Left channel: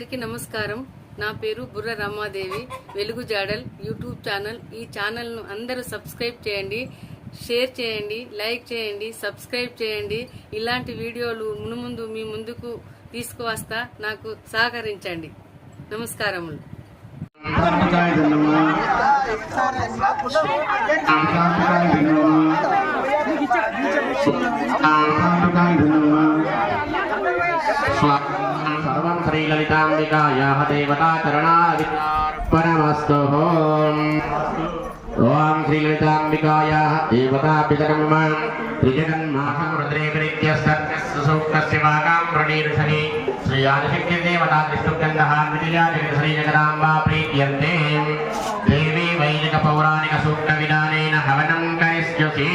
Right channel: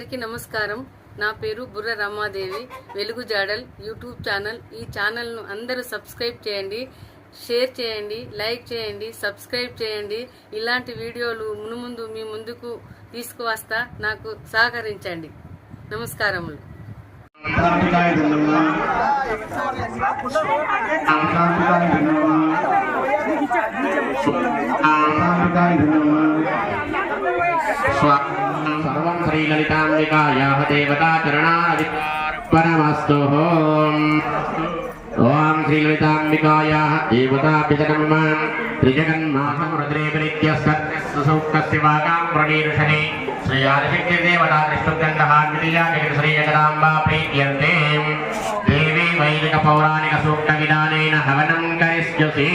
అందరికీ నమస్కారం. నా పేరు బుర్ర రమాదేవి. వెలుగు జాడల్ యూట్యూబ్ ఛానల్. ఈ ఛానల్ను అందరూ సబ్స్క్రైబ్ చేయండి, షేర్ చేయండి, లైక్ చేయండి, సబ్స్క్రైబ్ చేయండి. ఇలాంటి వీడియోలు మునుముందు మీ ముందుకు తీసుకువస్తా. నాకు సహకరించండి. నమస్కారములు. सर्वं श्रीललिताम्बिकायाः देवताचरणाधिकारमस्तु। ओम श्रीललिताम्बिकायाः देवतापितरं त्रिजगन्मातं रुद्रेभिरित्यस्य वाकां प्रणीर्षणे श्री जगदाम्बा प्रीत्यर्थे देवी वैदिकपौराणिकसूक्तविधानेन हवनं करिष्यसि।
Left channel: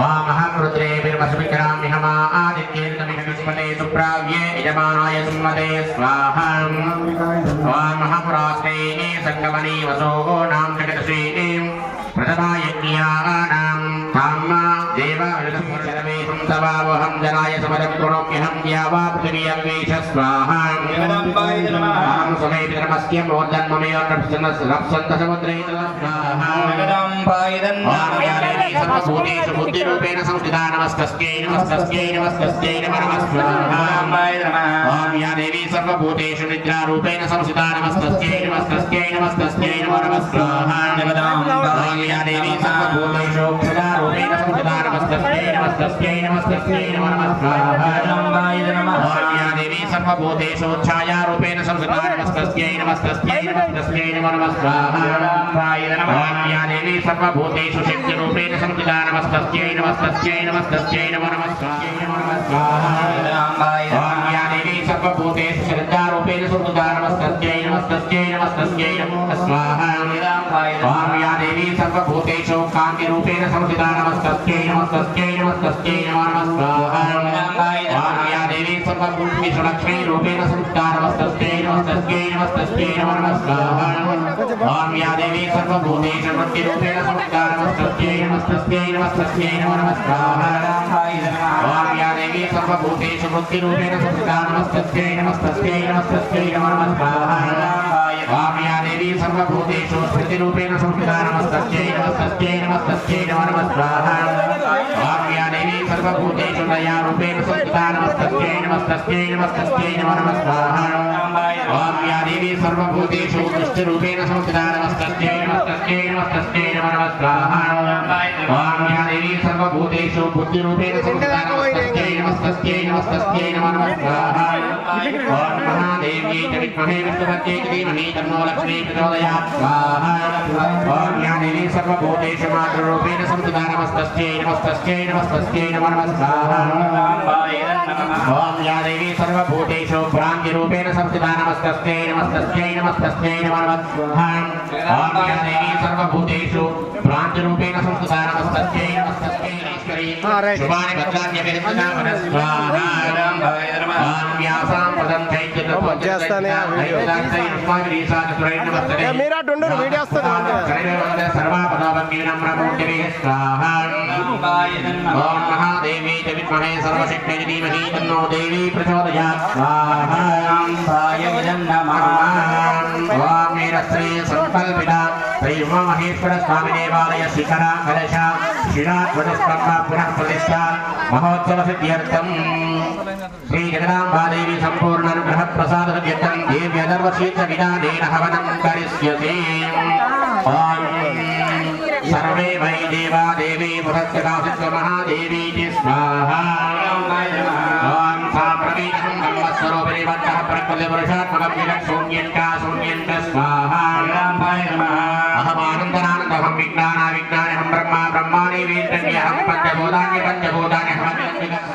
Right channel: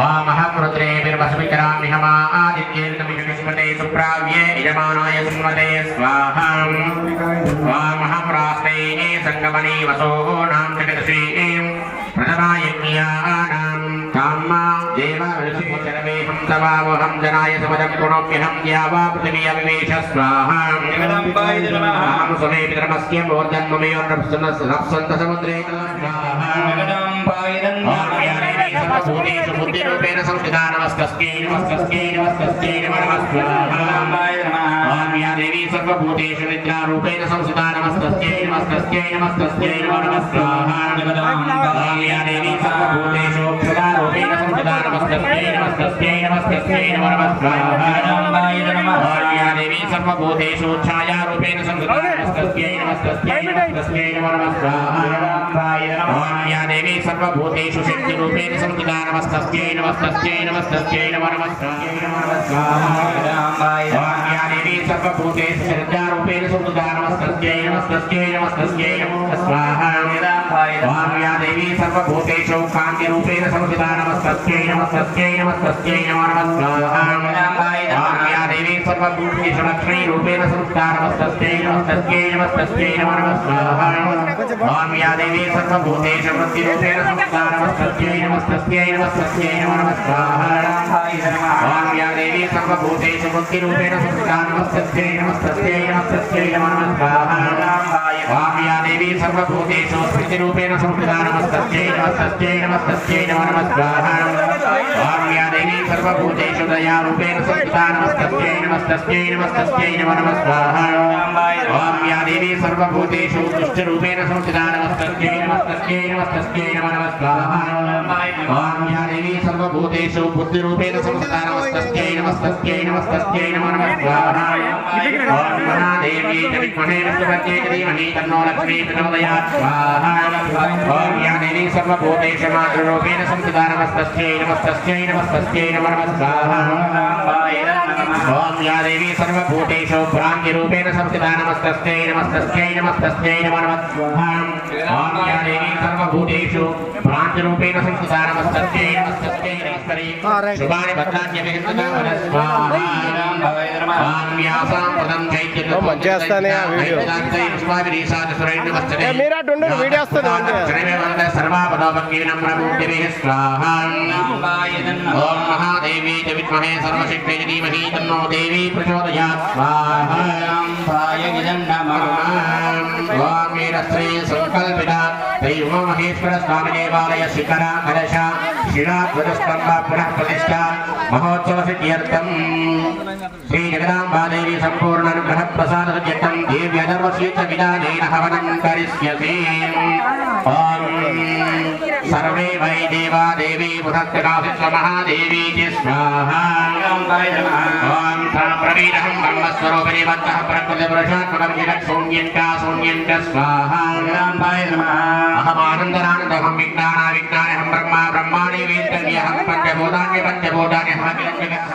ओम अहं रुद्रेभिर्वसुविकरामि हमा आदित्येर्कविष्णुस्मते सुप्राव्ये यजमानाय सुन्वते स्वाहा। ओम अहं रास्ते संगमने वसोः नाम जगदश्री प्रथमायज्ञानां काम्मा देवावृतमोचनमे संतवावहं जनाय समरकुरोम्यहं द्यावा पृथिवी अविवेश स्वाहा। अहं सुमे पितरमस्य मोर्जन्ममेयोर्नप्सन्तसमुद्रे स्वाहा। सर्वभूतेषु बुद्धिरूपेण संस्थिता नमस्कस्यै नमस्कस्यै नमस्कस्यै नमो नमः स्वाहा। ओम या देवी सर्वभूतेषु निद्रारूपेण संस्थिता नमस्कस्यै नमस्कस्यै नमस्कस्यै नमो नमः स्वाहा। ओम या देवी सर्वभूतेषु सदारूपेण संस्थिता नमस्कस्यै नमस्कस्यै नमस्कस्यै नमो नमः स्वाहा। ओम या देवी सर्वभूतेषु छायारूपेण संस्थिता नमस्कस्यै नमस्कस्यै नमस्कस्यै नमो नमः स्वाहा। ओम या देवी सर्वभूतेषु शक्तिरूपेण संस्थिता नमस्कस्यै नमस्कस्यै नमस्कस्यै नमो नमः स्वाहा। ओम या देवी सर्वभूतेषु श्रद्धारूपेण संस्थिता नमस्कस्यै नमस्कस्यै नमस्कस्यै नमो स्वाहा। ओम या देवी सर्वभूतेषु कान्तिरूपेण संस्थिता नमस्कस्यै नमस्कस्यै नमस्कस्यै नमो नमः स्वाहा। ओम या देवी सर्वभूतेषु लक्ष्मीरूपेण संस्थिता नमस्कस्यै नमस्कस्यै नमस्कस्यै नमो नमः स्वाहा। ओम या देवी सर्वभूतेषु बुद्धिरूपेण संस्थिता नमस्कस्यै नमस्कस्यै नमस्कस्यै नमो नमः स्वाहा। ओम या देवी सर्वभूतेषु बुद्धिरूपेण संस्थिता नमस्कस्यै नमस्कस्यै नमस्कस्यै नमो नमः स्वाहा। ओम या देवी सर्वभूतेषु स्मृतिरूपेण संस्थिता नमस्कस्यै नमस्कस्यै नमस्कस्यै नमो नमः स्वाहा। ओम या देवी सर्वभूतेषु दयारूपेण संस्थिता नमस्कस्यै नमस्कस्यै नमस्कस्यै नमो नमः स्वाहा। ओम या देवी सर्वभूतेषु दुष्टरूपेण संस्थिता नमस्कस्यै नमस्कस्यै नमस्कस्यै नमो नमः स्वाहा। ओम या देवी सर्वभूतेषु बुद्धिरूपेण संस्थिता नमस्कस्यै नमस्कस्यै नमस्कस्यै नमो नमः स्वाहा। ओम महादेवी विद्महे विष्णुपत्न्यै धीमहि तन्नो लक्ष्मी प्रचोदयात् स्वाहा। ओम या देवी सर्वभूतेषु मातृरूपेण संस्थिता नमस्कस्यै नमस्कस्यै नमस्कस्यै नमो नमः स्वाहा। ओम या देवी सर्वभूतेषु भ्रान्तिरूपेण संस्थिता नमस्कस्यै नमस्कस्यै नमस्कस्यै नमो नमः स्वाहा। ओम या देवी सर्वभूतेषु भ्रान्तिरूपेण संस्थिता नमस्कस्यै नमस्कस्यै नमस्करी शुभानि भद्राणि विहितता वनस्वाहा। ओम यासां पदं चैत्यतो మధ్యస్థానే ఆ వీడియో మీరు అటు ఉండు వీడియో వస్తుంది సర్వాపదోపంగినమ్రమూర్తిభిః స్వాహా। ఓం మహాదేవి చ విద్మహే సర్వశక్త్యై ధీమహి తన్నో దేవీ ప్రచోదయాత్ స్వాహా। ఓం వీరశ్రీ సంకల్పిత శ్రీ ఉమామహేశ్వర స్వామి దేవాలయ శిఖర కలశ శిలాధ్వజస్తంభ పునః ప్రతిష్ఠ మహోత్సవ సిద్ధ్యర్థం శ్రీ జగదాంబాదేవి సంపూర్ణ అనుగ్రహ ప్రసాద సిద్ధ్యర్థం దేవ్యధర్మశ్రీచ విధానేన హవనం కరిష్యసి। ఓం సర్వే వై దేవా దేవీ బృహస్పతికాశిత్వ మహాదేవీ చి స్వాహా। ఓం సాప్రవీణహం బ్రహ్మస్వరూపిణి వత్తః ప్రకృతి పురుషాత్మకం విలక్షూన్యంకా శూన్యంక స్వాహా। అహమానందనానందోహం విజ్ఞానావిజ్ఞానహం బ్రహ్మ బ్రహ్మాణి వేద్యహం పంచభూతాని పంచభూతాని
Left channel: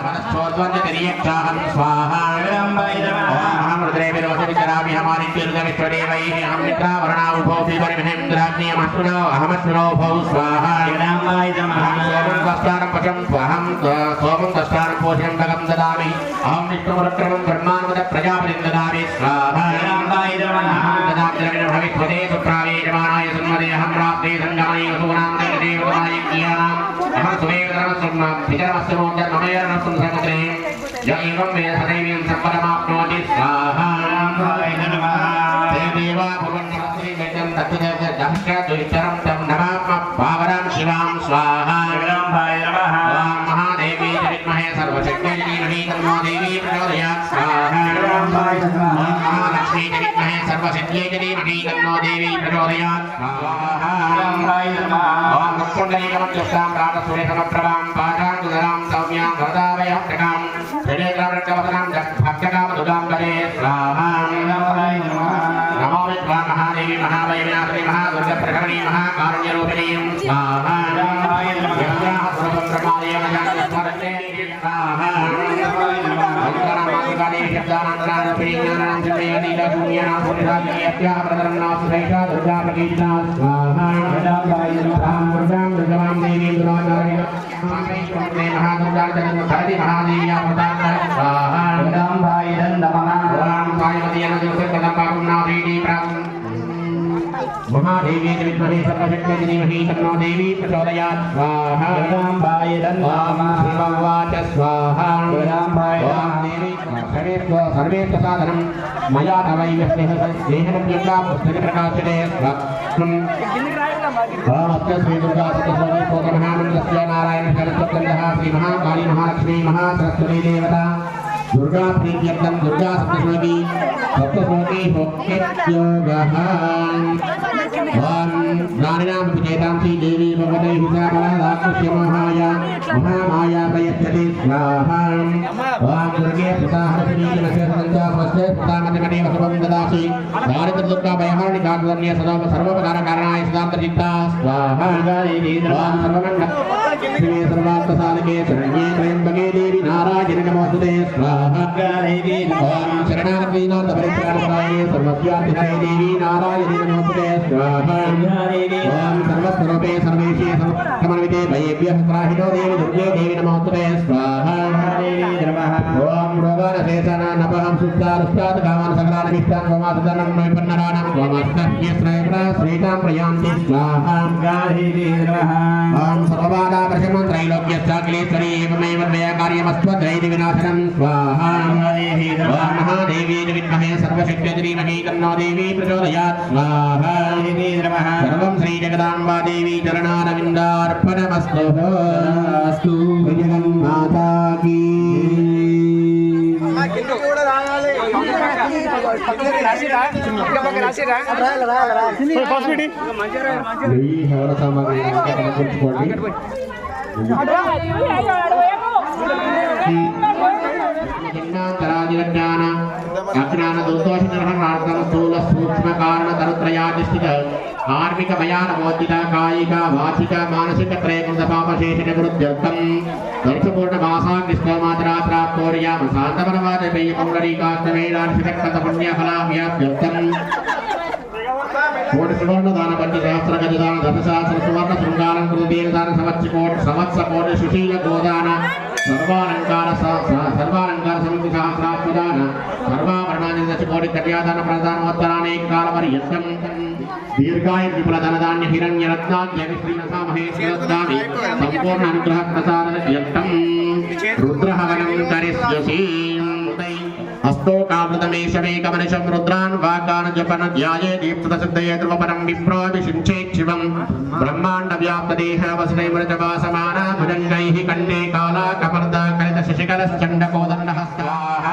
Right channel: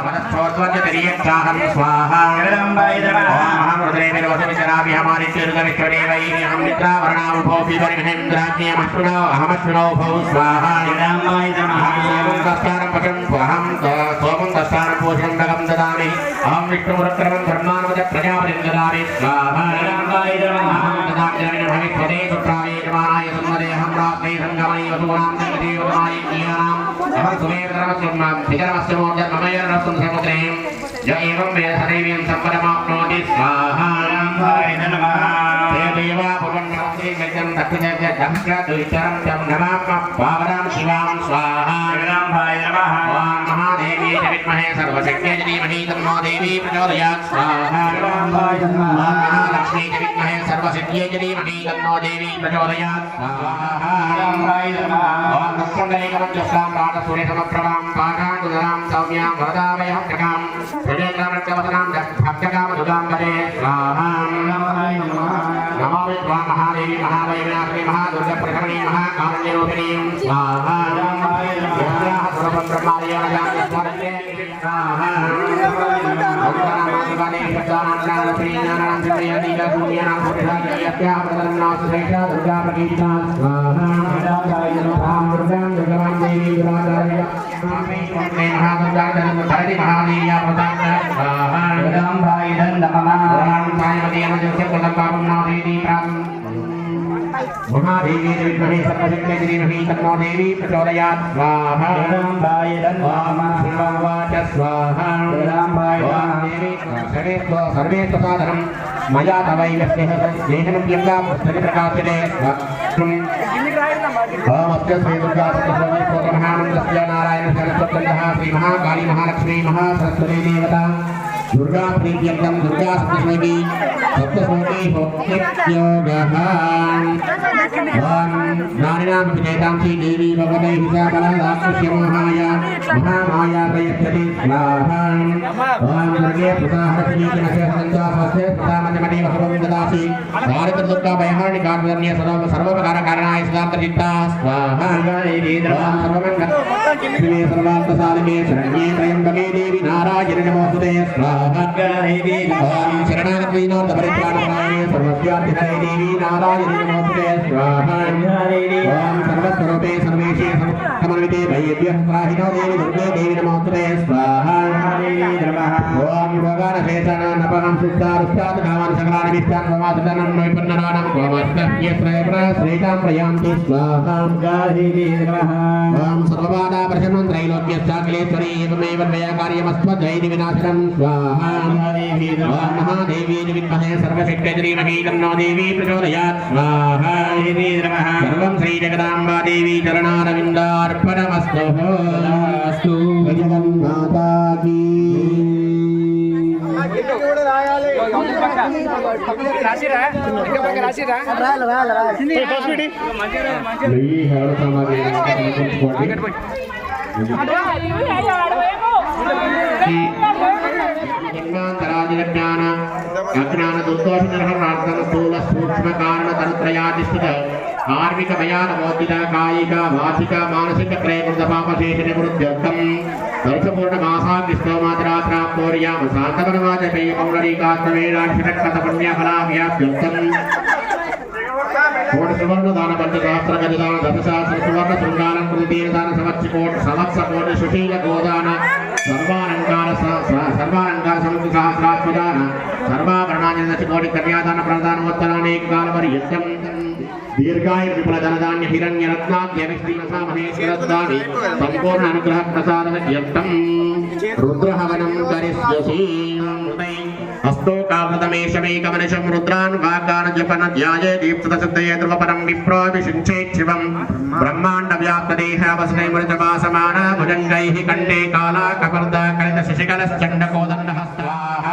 మనస్సోద్వంద్యతిర్యక్షాహం స్వాహా। ఓం రుద్రేభిర్వసువికరామి హమాదిత్యుర్గవిశ్వదేవై అహం మిత్రావరణావుభోపి పరిమహేంద్రాజ్ఞేమశ్రుణో అహమశ్రుణో భౌ స్వాహా। సోమం దస్యానం పశం అహం సోమం దస్యానం పోషం గగం దదామి అహం విష్ణురుద్రమం బ్రహ్మానుమద ప్రజాపతిం దదామి స్వాహా। భవిష్యతే సుప్రావేయమానాయ సన్మదేహం రాత్రే సంగమై వసూనాం జగదేవతమాయ క్రియానాం అహం సుమేవ ధర్మస్వం పితరమస్మోదర్మమయ నమస్తం సముద్రే य एवं वेद सदैवीं सम्पदमाप्नोति स्वाहा देवा भुवन्नमस्ति वेदं दक्षिणे दक्षिणद्विचरं तं नमामः पावनं शिवां स्वाहा ॐ महादेवी च विद्महे सर्वशक्त्यै धीमहि तन्नो देवी प्रचोदयात् स्वाहा महालक्ष्मी च विद्महे सर्वशक्त्यै धीमहि तन्नो देवी प्रचोदयात् स्वाहा ॐ मुक्कुण्डलीकमध्यस्थां प्रातसूर्यसमप्रभां पाठाङ्कुशलां सौम्यां वरदाभयहस्तकां प्रजयग्रामरक्षवसनां भक्तकामदुदां करे स्वाहा नमो विद्वां महादेवी महावैनाथी महादुर्गप्रकरणी महाकारुण्यरूपिणी स्वाहा यत्राः सर्वं ब्रह्मादयमजान् स्मरते स्वाहा ओंकारामादिवादी शब्दानां ज्ञानां सिद्धयनीय शून्यानां बुद्धिराज्ञत्याः प्रतरं नास्ति सैषा दुर्गा प्रकीर्तिता स्वाहा रां दुर्गां दुर्गां देवीं दुराचार्य महादुर्गाचरण धरति महादेव्या प्रदान स्वाहा जगदम्बाय नमः ओम साईपतिये जगदम्बां नादेवी प्रां महादेवी विद्महे सर्वशक्त्यै धीमहि तन्नो देवी प्रचोदयात् स्वाहा जगदम्बाय नमः शिवं वाच स्वाहा जगदम्बाय नमः सर्वे साधनं मया तवैव स्नेहनं दिव्या पुस्तकप्रकाशने ओमस्य श्री दुर्गा सप्तशती महामन्त्रस्य नारायण सरस्वत्यः श्री महाकाली महालक्ष्मी महासरस्वती देवता दुर्गा प्रीत्यर्थं दुर्गा सप्तशती भक्तियोगः ओम नारायणां विजयतां श्री देवी भगवते हिसाबलादाकृष्य मोहाया महामाया प्रयच्छति स्वाहा ओम दुर्गे पुताहरपीठनस्य सन्त्वा स्वस्य पुतामन्यमणि भगवं ददासि भारत दुर्गा भयहानि कामधन्य सर्वोपकारकारणाय सदान्तचित्ता स्वाहा ओम सर्वमङ्गल शिवे सर्वार्थसाधके शरण्ये त्र्यम्बके देवी नारायणे नमोस्तुते स्वाहा ओम शरणागतदीनां परित्राणपरायणे सर्वस्याधिपते देवी नारायणे नमोस्तुते स्वाहा ओम सर्वस्वरूपे सर्वेशे समन्विते भयेभ्यः त्राहिनो देवी दुर्गे देवी नमोस्तुते स्वाहा ओम रोगानशेषानानपहं सुप्तारुष्टात् कामान् सकलान् वित्तान् वमासुदानं नैपुण्यनानां त्वमस्मभ्य श्रेयप्रा श्रीकां प्रयान्ति स्वाहा ओम सर्वबाधापरिशमनं त्रैलोक्यश्चाखिलेश्वरी एवमेव द्वयकार्यमस्त्वद्वैति विनाशनं स्वाहा ओम महादेवी विद्महे सर्वशक्त्यै धीमहि तन्नो देवी प्रचोदयात् स्वाहा सर्वं श्री जगदाम्बा देवी चरणारविन्दार्पणमस्तु जगन्माता की कार्मिक भयान मौतिका कायिका वाचिक मानसिक त्रयकृत पापशेषण वृद्ध्यर्थं वर्षपूर्ण मासाग्निष्टोमात्रा प्राप्तोर्याम शान्तवनवाचपेय पौंडरीकात्मवेदांशतकृत पुण्यफलाभ्याप्त्यर्थं कोटिसुवर्ण दान पंचशास्त्र गजदान दशशास्त्र सुवर्ण शृंगारं कृतेन दान संवत्सर सुशील गोदान सर्वालंकार सहस्रात्मदान सर्वाभरणानि दशकोटि कन्यादान प्रदानोत्तरानेक कालपर्यन्तं दीर्घाय विपुलधनधान्य हिरण्यरत्नाद्य विश्रीनसा महेश्वरदानि संपूर्ण अनुग्रह प्रसादयन्तं रुद्रहवनं करिष्यसि हस्तोकावृतमेषमेकमनिशं रुद्रान् वाग्दान जपन ध्याये दीप्तसिद्धये ध्रुवपरं विप्रोऽभिषिञ्चेच्छिवं ब्रह्माण्डव्याप्तदेहवसने मृतवासमान भुजङ्गैः कण्ठे कालाकपर्दकलितशिशिखलश्चण्डकोदण्डहस्ताः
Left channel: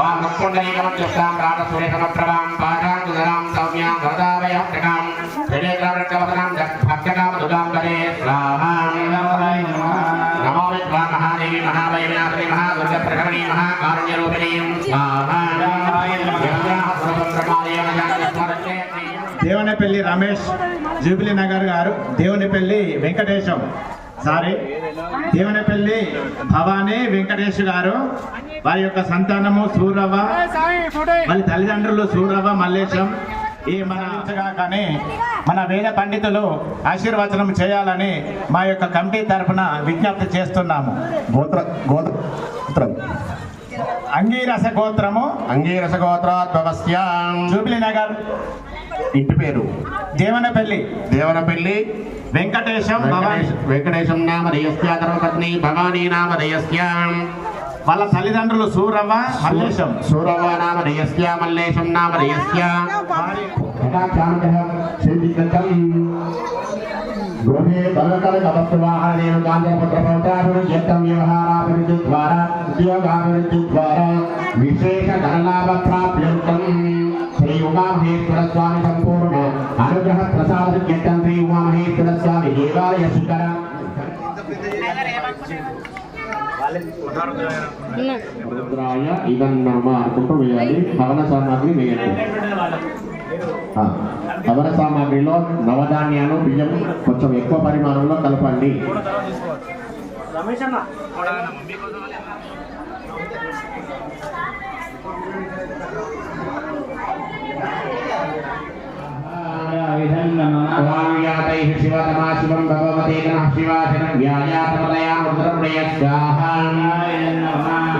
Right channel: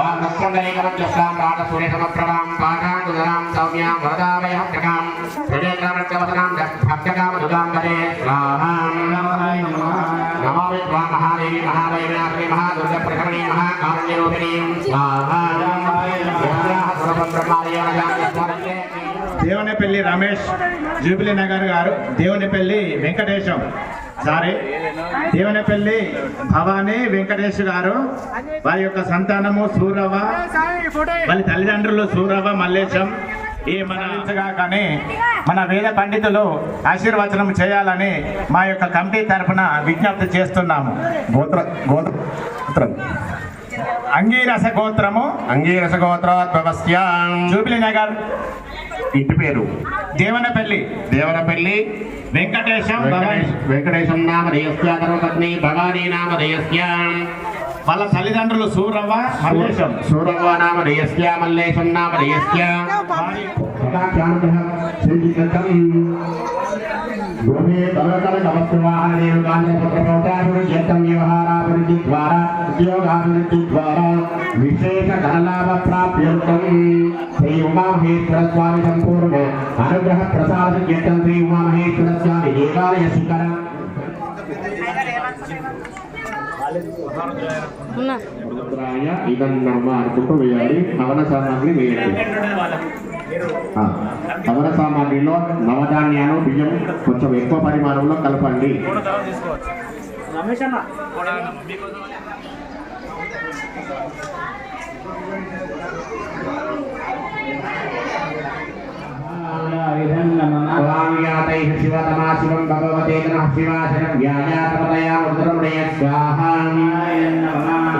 ओम मुक्कुण्डलीकमध्यस्थां प्रातसूर्यसमप्रभां पाठाङ्कुशलां सौम्यां वरदाभयहस्तकां प्रजयग्रामरक्षवसनां भक्तकामदुदां करे स्वाहा नमो विद्वां महादेवी महावैनाथी महादुर्गप्रकरणी महाकारुण्यरूपिणी स्वाहा यत्राः सर्वं ब्रह्मादयमजान् स्मरते దేవునిపల్లి రమేష్ జూబిలీ నగర్ గారు, దేవునిపల్లి వెంకటేశం దేవునిపల్లి భవానీ వెంకటేష్ గారు, వారి యొక్క సంతానము సూరవ్వ, వాళ్ళ తల్లిదండ్రులు సూరవ్వ మల్లేశం. ఈ కానీ మన వేద పండితులు ఆశీర్వచనం చేయాలని మా యొక్క కమిటీ తరఫున విజ్ఞప్తి చేస్తున్నాము. గోత్రం అంగీరస గోత్రోద్భవస్యాం జూబిలీ నగర్, ఇంటి పేరు దేవనపల్లి వెంకటేశం నామధేయస్య ధర్మపత్ని భవానీ నామధేయస్య వాళ్ళ తల్లిదండ్రులు సూరవ్వ మల్లేశం. సూరవ్వ నామ రేయస్య మల్లేశం నామ రేయస్య గృహే కలకల నమస్వాహనేవ కాంచపత్రప్రౌఢాభివృద్ధ్యర్థం వ్యవహారాభివృద్ధి ద్వారా ఉద్యోగాభివృద్ధి ద్వారా విశేష ధనలాభ ప్రాప్త్యర్థం శ్రీ ఉమామహేశ్వర స్వామి సంపూర్ణ అనుగ్రహ ప్రసాద కీర్తన శ్రీ ఉమామహేశ్వర స్వామి దేవాలయ శిఖర ఇదన్నమ్మ అర్పుకు వేయాలి. హవన సామాగ్రి వేయండి. హవన సామాగ్రిలో నవధాన్యాలు బియ్యం కొంచెం ఎక్కువ పరిమాణంలో కలపండి. శివతమా శివం భగవతే నమః శివాశనం వ్యాయాతమతయా ఉత్తరముడయ స్వాహా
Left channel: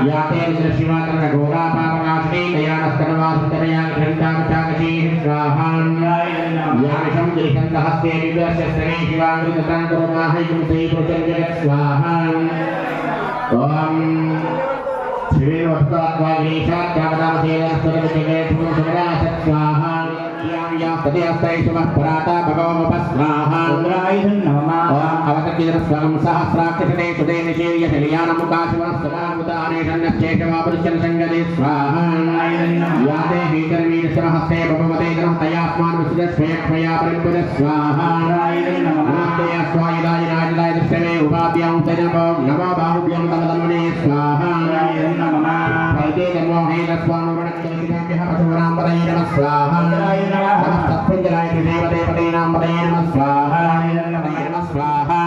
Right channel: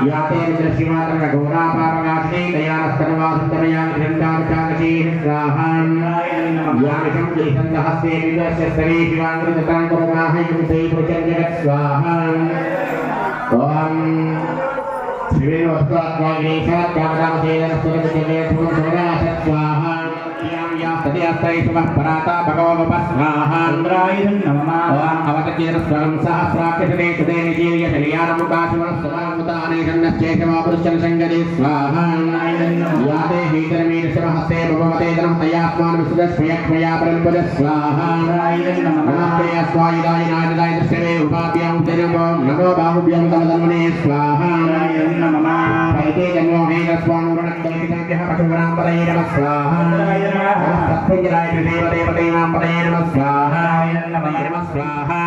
యాతే శివాతన ఘోరాపారనాశే దయానస్తనవాసుతనయా గ్రంథాంచాకశే స్వాహా యామిషం త్రిసందహస్తే విదర్శస్తనే శివాంగృతకాంకరమాహైకం తే ప్రచంజగత్ స్వాహా ఓం శివే వస్త్రాత్వాగ్నేశాత్యామదామసేనస్తరముచగేతుం సమరాసత్ స్వాహా పరాతా భగవముపస్వాహా అవతకీర స్వరం సహస్రాక్షతే సుదేన జీర్య శల్యానముకాశివనస్తమాముతానేషన్నశ్చేషవాపురుషల్ సంగదే స్వాహా యాతే హీతరవీరశరహస్తే భగవతే తయాస్మాన్ విశుద్ధస్వయక్మయా పరంపద స్వాహా నమస్తే అస్వాయుధాయ నాయుధాయ దృశ్యవే ఉపాభ్యాం నమో బాహుభ్యాం తమధన్వనే స్వాహా వైతే జన్మో హేనస్వానురణక్తమితాభ్యః పశువరాంపదయే నమః స్వాహా సత్పుంజరాయ దేవదేవతైనాం పదయే నమః స్వాహా నమః స్వాహా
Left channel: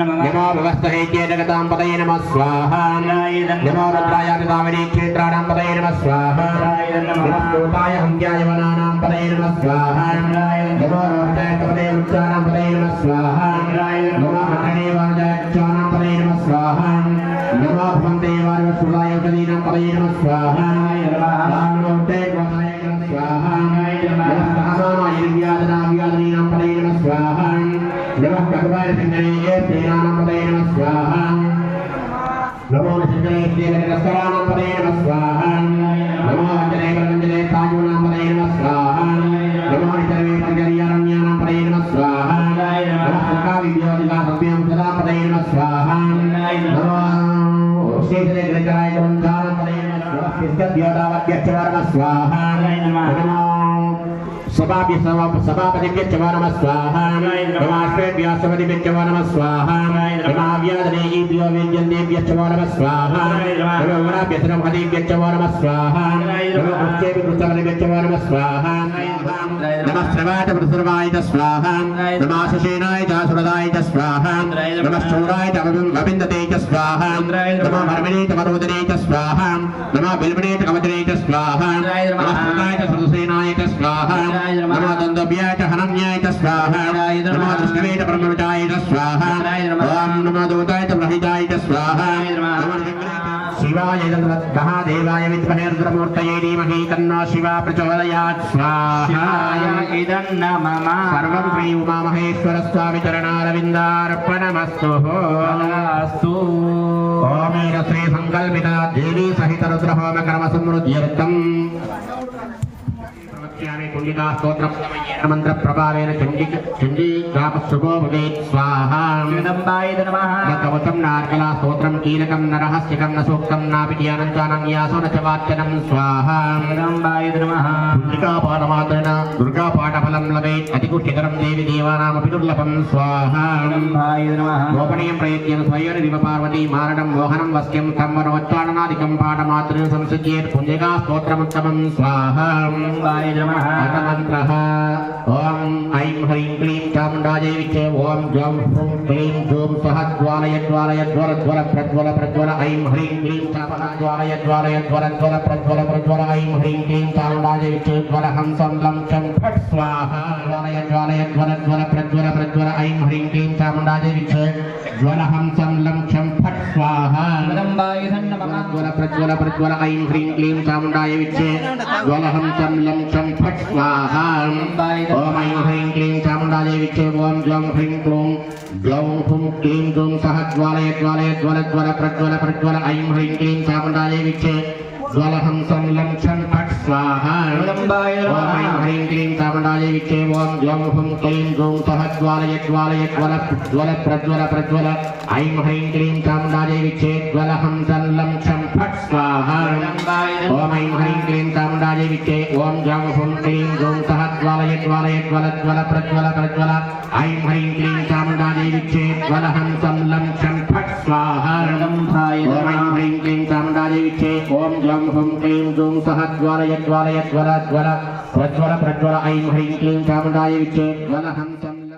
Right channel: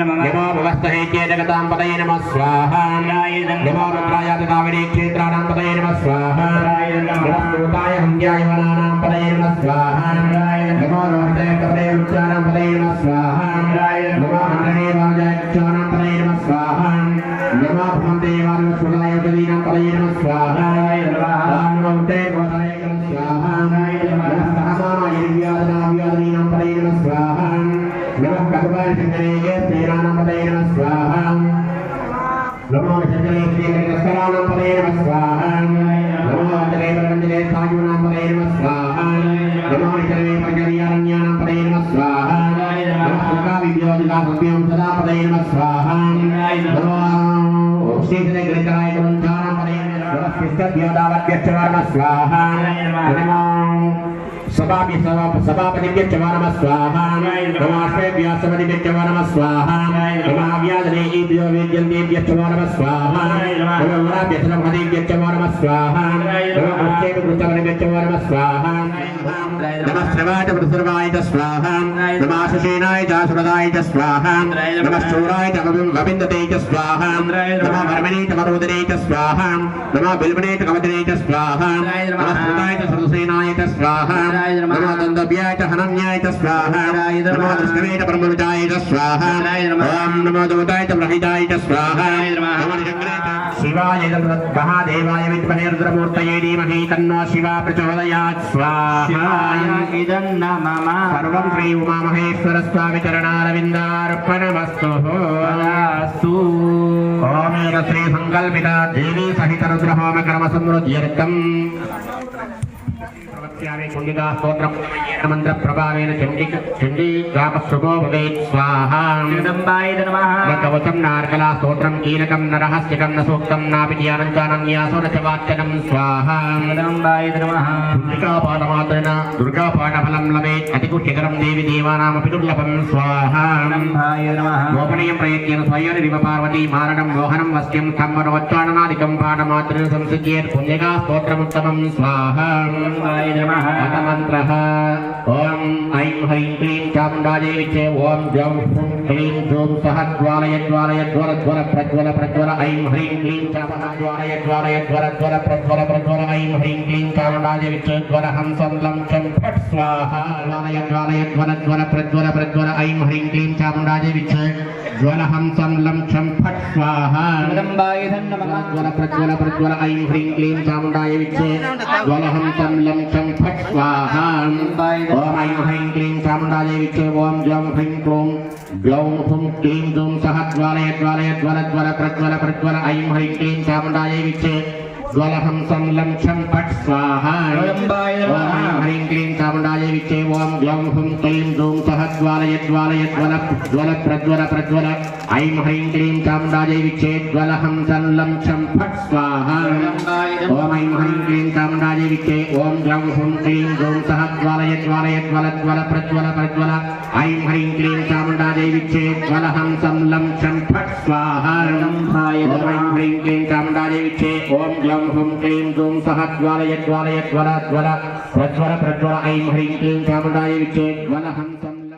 నమో భవస్తహేత్యే జగతాం పదయే నమః స్వాహా నమో రుద్రాయాదిదావినీ క్షేత్రాణాం పదయే నమః స్వాహా నమః భూతాయ హంత్యాయ వనానాం పదయే నమః స్వాహా నమో రోహితాయ కపలయ వృక్షాణాం పదయే నమః స్వాహా నమో మండలేవాజాయ వృక్షాణాం పదయే నమః స్వాహా నమో భవందేవాయ సుదాయ ప్రదీనాం పదయే నమః స్వాహా నమో ఉత్తరే గోసాయ నమః స్వాహా వ్యాధనాం పదయే నమః స్వాహా నమః భగవాయ శంకరేయ శ్రీరాణం పదయే నమః స్వాహా నమో శంకరే శ్రీరంగస్వరాణం పదయే నమః స్వాహా నమో అంజనే వరంజనే సాయునాం పదయే నమః స్వాహా నమో ఇతరే పంచర్యారణ్యానాం పదయే నమః స్వాహా నమః సఖా విద్యోదిగా సభ్యం సదా పదయే నమః స్వాహా నమో శ్రీధరే గ్రహరాయ వంచానాం పదయే నమః స్వాహా స్వాహా నమో సభాపతిభ్యశ్చ నమః స్వాహా నమాశ్వేభ్యశ్చ నమః స్వాహా నమావ్యాధనేభ్యో వేద్యందేభ్యశ్చ నమః స్వాహా నమోభ్యసనమహదేభ్యశ్చ నమః స్వాహా నమోభ్యేభ్యశ్చ నమః స్వాహా నమః శ్రవాయ వృసర్వాయ స్వాహా నమాశేనాయ సురదాయ స్వాహా నమః శూరాయ గవిందతే స్వాహా నమో ధర్మిణే వరోదనే స్వాహా నమో బిల్వనే కవదనే స్వాహా నమః శ్రుతాయ సరసేనాయ స్వాహా నమో దందభ్యాయ హనన్యాయ స్వాహా నమో దృష్టవే బ్రహ్మణుజాయ స్వాహా ఓం నమో దూతాయ బ్రహ్మిజాయ స్వాహా శివాయ మహాదేవాయ విద్మహే రుద్రమూర్తయే ధీమహి తన్నో శివా ప్రచోదయాత్ స్వాహా సర్వం శ్రీ ఉమామహేశ్వర స్వామి చరణారవిందార్పణమస్తు. ఓం శ్రీ సంకల్పిత దేవీ సహిత రుద్రహోమ క్రమ సమృద్ధ్యర్థం కుండికా స్తోత్రం మంత్ర ప్రభావేన చండీ రామశుభో భవేత్ స్వాహా. కవచం నార్కలా స్తోత్రం కీలకం నరహస్యకం న సూక్తం నాపి ధ్యానం చానం న్యాసో న చ వాచ్యనం స్వాహా. కుండికా పాఠమాత్రేణ దుర్గా పాఠఫలం లభేత్ అతిగుహ్యకరం దేవి దేవానామపి దుర్లభం స్వాహా. గోపనీయం ప్రయత్నం స్వయనివ పార్వతీ మారణం మోహనం వస్యం కమ్మనోచ్చారణాదికం పాఠమాత్రేణ సంసిద్ధ్యేత్ కుండికా స్తోత్రముత్తమం స్వాహా. మంత్రః ఓం ఐం హ్రీం క్లీం చాముండాదేవి చ ఓం జౌ హ్రూం క్లీం జూం సహ జ్వాలయ జ్వాలయ జ్వల జ్వల ప్రజ్వల ప్రజ్వల ఐం హ్రీం క్లీం చామన జ్వాలయ జ్వాలయ జ్వల జ్వల ప్రజ్వల ప్రజ్వల ఐం హ్రీం క్లీం చాముండాదేవి చ జ్వల హంసం లం చం ఫట్ స్వాహా. జ్వాలయ జ్వాలయ జ్వల జ్వల ప్రజ్వల ప్రజ్వల ఐం హ్రీం క్లీం చాముండాదేవి చ జ్వల హంసం లం చం ఫట్ స్వాహా. జ్వల ప్రజ్వల ప్రజ్వల ఐం హ్రీం క్లీం చాముండాదేవి చ జ్వల హంసం లం చం ఫట్ స్వాహా. ఓం ఐం హ్రీం క్లీం చాముండాదేవి చ ఓం జం హ్రీం క్లూం ग्लौं हुं क्लीं ग्लौं सह ज्वालय ज्वालय ज्वल ज्वल प्रज्वल प्रज्वल ऐं ह्रीं क्लीं चामुण्डायै विच्चे ज्वलहं संलं छं फट् स्वाहा ॐ ह्रीं क्लीं चामुण्डायै विच्चे ॐ ग्लौं हुं क्लीं ग्लौं सह ज्वालय ज्वालय ज्वल ज्वल प्रज्वल प्रज्वल ऐं ह्रीं क्लीं चामुण्डायै विच्चे ज्वलहं संलं छं फट् स्वाहा ॐ ऐं ह्रीं क्लीं चामुण्डायै विच्चे ॐ ग्लौं हुं क्लीं ग्लौं सह ज्वालय ज्वालय ज्वल ज्वल प्रज्वल प्रज्वल ऐं ह्रीं क्लीं चामुण्डायै विच्चे ज्वलहं संलं छं फट् स्वाहा ॐ ऐं ह्रीं क्लीं चामुण्डायै विच्चे ॐ ग्लौं हुं क्लीं ग्लौं सह ज्वालय ज्वालय ज्वल ज्वल प्रज्वल प्रज्वल ऐं ह्रीं क्लीं चामुण्डायै विच्चे ज्वलहं संलं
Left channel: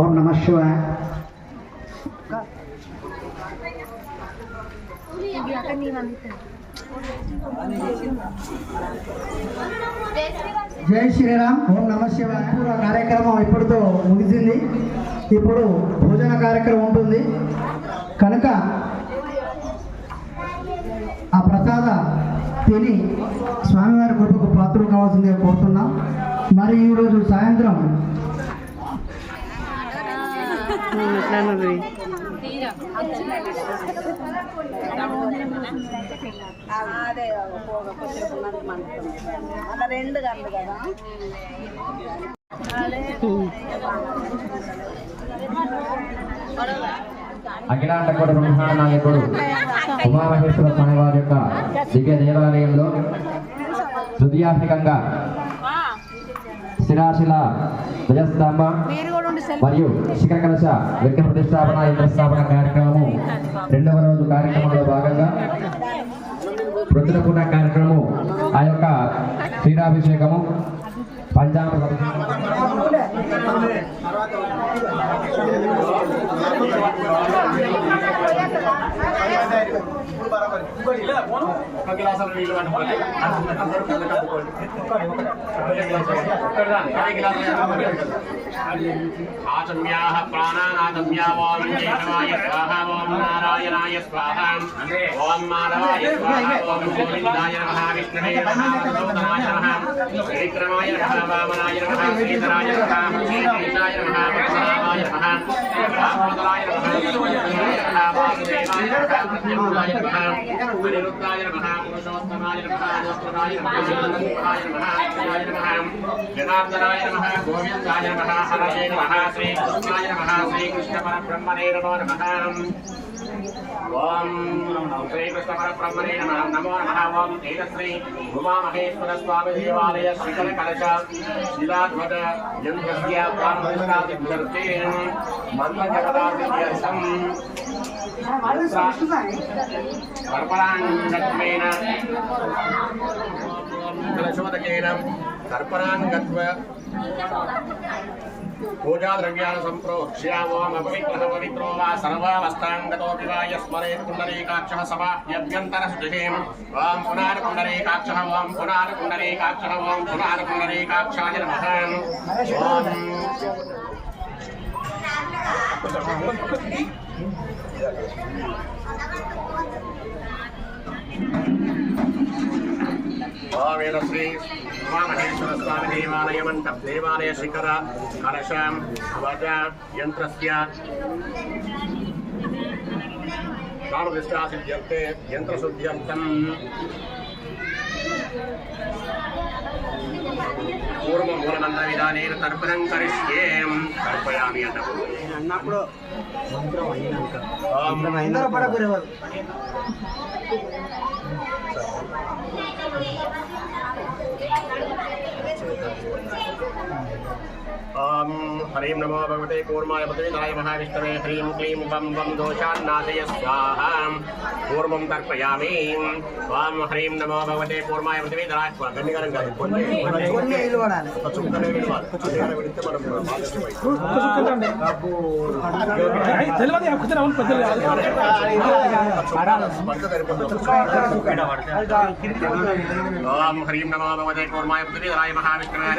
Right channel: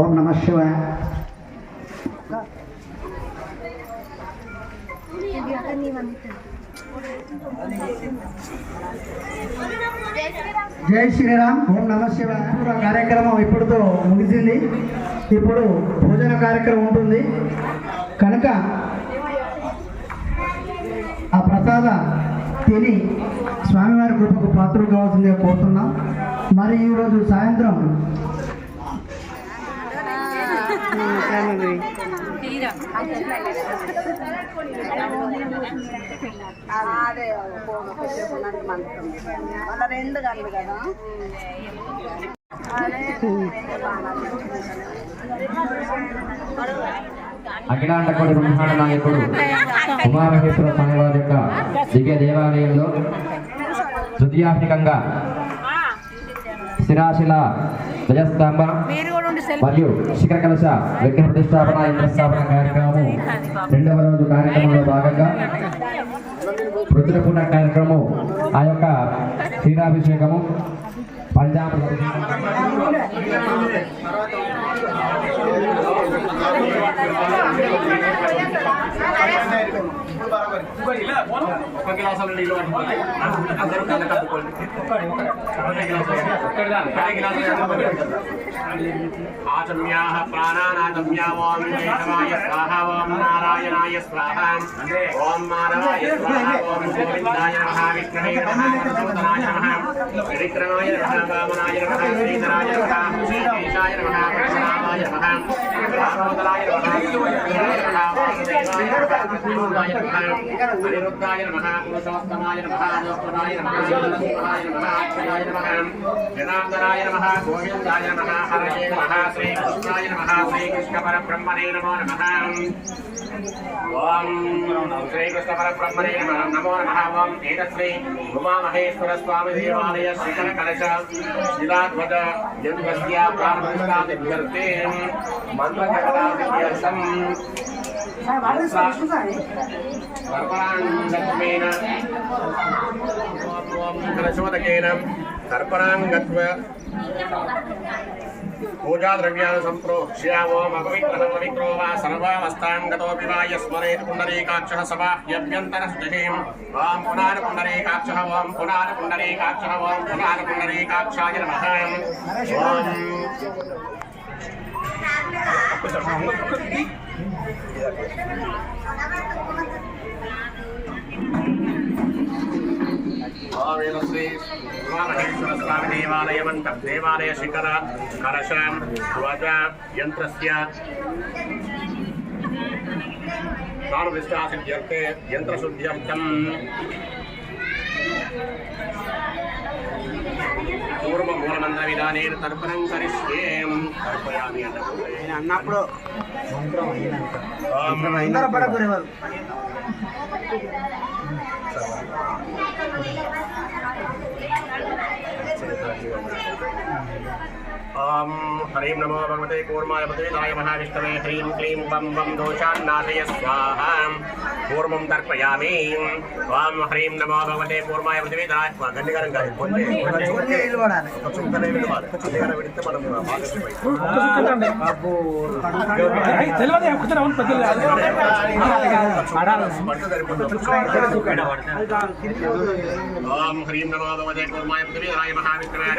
ఓం నమః శివాయ. జై శ్రీరామ్. ఓం నమః శివాయ. కార్యక్రమం ఇప్పుడుతో ముగిసింది. ఇప్పుడు భోజన కార్యక్రమం ఉంటుంది కనుక ఆ ప్రసాద తిని స్వామివారి కృపకు పాత్రలు కావాల్సిందిగా కోరుతున్నాం. మరి ఈరోజు సాయంత్రం అదే మన రెండు గంటలు కదా అఖిలాండకోటి బ్రహ్మాండ నాయకుడు ఉమామహేశ్వర స్వామివారి యొక్క దివ్య దేవాలయంలో తృతీయాత్మికంగా శిరాశిల ధ్వజస్తంభ మరియు శిఖర కలశ విగ్రహ ప్రతిష్టాపన యంత్రస్థాపన కార్యక్రమము 2వ రోజు కార్యక్రమంలో భాగంగా రుద్రపూర్ణ కార్యక్రమం ఆ యొక్క క్షీరాభిషేకము పంచామృత ఆచమ్యాః ప్రాణానాదమ్యా ఓం కేశవాయ స్వాహా ఓం నారాయణాయ స్వాహా ఓం మాధవాయ స్వాహా ఓం గోవిందాయ నమః విష్ణవే నమః మధుసూదనాయ నమః త్రివిక్రమాయ నమః వామనాయ నమః శ్రీధరాయ నమః శ్రీకేశాయ నమః పద్మనాభాయ నమః దామోదరాయ నమః శ్రీదేవాయ నమః వాసుదేవాయ నమః అనిరుద్ధాయ నమః పురుషోత్తమాయ నమః నమోత్తమాయ నమః శివాయ నమః శివాయ నమః జనార్దనాయ నమః గోవిందాయ నమః హరయే నమః శ్రీకృష్ణాయ నమః శ్రీకృష్ణ పరబ్రహ్మణే నమో నమః ఓం శ్రీకృష్ణ పరబ్రహ్మణే నమో నమః ఓం తేజశ్రీ ఉమామహేశ్వర స్వామి దేవాలయ శిఖర కలశ శిలాధ్వజ యంత్రస్య ప్రాణప్రతిష్ఠాతిథ్యర్థే మన్మథపదార్థం కర్పరాంగత్వేన ప్రచోదకేన కర్పరాంగత్వ పూజాద్రవ్యాన్ని సంప్రోక్ష్య ఓం అపవిత్రః పవిత్రో వా సర్వావస్థాంగతోపి వా యస్మరేత్ పుండరీకాక్షః సబాహ్యభ్యంతరశుచిం ఓం పునారపుండరీకాక్షః ఓం పునారపుండరీకాక్షః ఓం పునారపుండరీకాక్షాయ నమః ఓం ఓం శ్రీ ఉమామహేశ్వర స్వామి దేవాలయమంతం దేవాలయ శిఖర కలశం ధ్వజ యంత్రస్య ప్రాణప్రతిష్ఠాసిద్ధ్యర్థే యంత్రశుద్ధ్యర్థం పూర్వమూలమంత్ర విధానేన తర్పణం కరిష్యేం తర్పయామి అన్నప్పుడు అందరూ పడకూరేవారు ఓం హరీం నమో భగవతే కూర్మాయ పతేదాయ మహావిష్ణవే హ్రీం క్లీం వం వం దోషాన్నాశయ స్వాహా పూర్వం తర్పయామి ఓం హ్రీం నమో భగవతే కూర్మాయ పతేదాయ గన్నిగారం కాదు ఒక చుక్కనే విడవాలి గన్నిగారం విడితే మనం ఓం హ్రీం నమో భగవతే కూర్మాయ పతేదాయ మహావిష్ణవే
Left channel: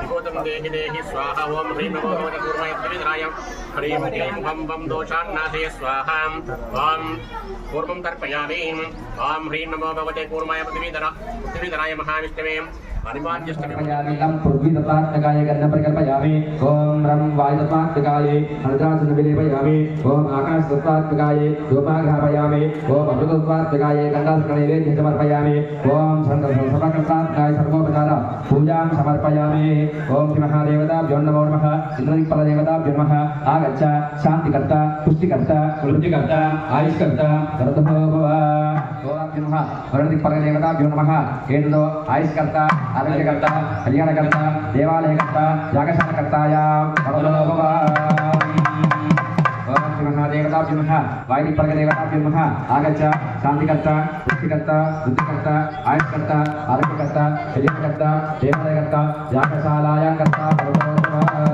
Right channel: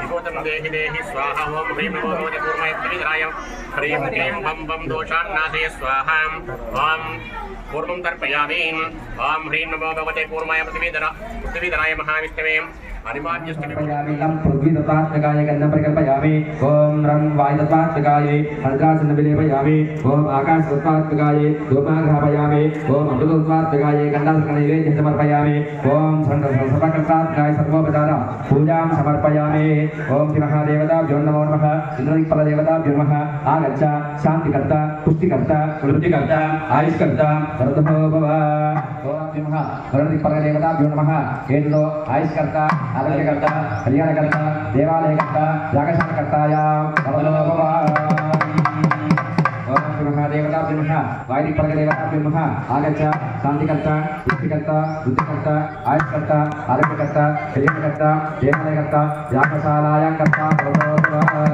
విభూతం దేహి దేహి స్వాహ ఓం హ్రీం నమో భగవతే కూర్మాయ పతేదాయ హ్రీం క్లీం వం వం దోషాన్నాశయ స్వాహ ఓం పూర్వం తర్పయామి ఓం హ్రీం నమో భగవతే కూర్మాయ పృథివీధరాయ మహావిష్ణవే అనిమాద్యష్టమిం పృథ్వీతత్వాత్మకాయ గణం ప్రకల్పయామి ఓం రం వాయుతత్వాత్మకాయ అర్ధాసన విలేపయామి ఓం ఆకాశతత్వాత్మకాయ ధూపాగ్రహపయామి ఓం అమృతత్వాత్మకాయ గంధాసన నైవేద్యం సమర్పయామి ఓం సర్వకర్తాత్మకాయ సర్వోపచార పూజాం సమర్పయామి ఓం శ్రీ మహాదేవతాభ్యో నమో నమః ఇంద్రదిక్పలదేవతాభ్యో నమః ఆగచ్చ శాంతికర్త పుష్టికర్త వృద్ధికర్త ఆయుష్కర్త వరదభో భవ ఓం శ్రీ మహా వరదిక్పలదేవతాభ్యో నమః ఏడులో ఆయుష్కర్త ఆరోగ్యకర్త కళ్యాణకర్త దేవాలయకర్త యాగశాలకర్తాయ వరదో భవ ఓం శ్రీ మహాదేవతాభ్యో నమః వాయుదిక్పలదేవతాభ్యో నమః ఆగచ్చ శాంతికర్త పుష్టికర్త వృద్ధికర్త ఆయుష్కర్త ఆరోగ్యకర్త కళ్యాణకర్త దేవాలయకర్త యాగశాలాయాకర్త వరదో భవ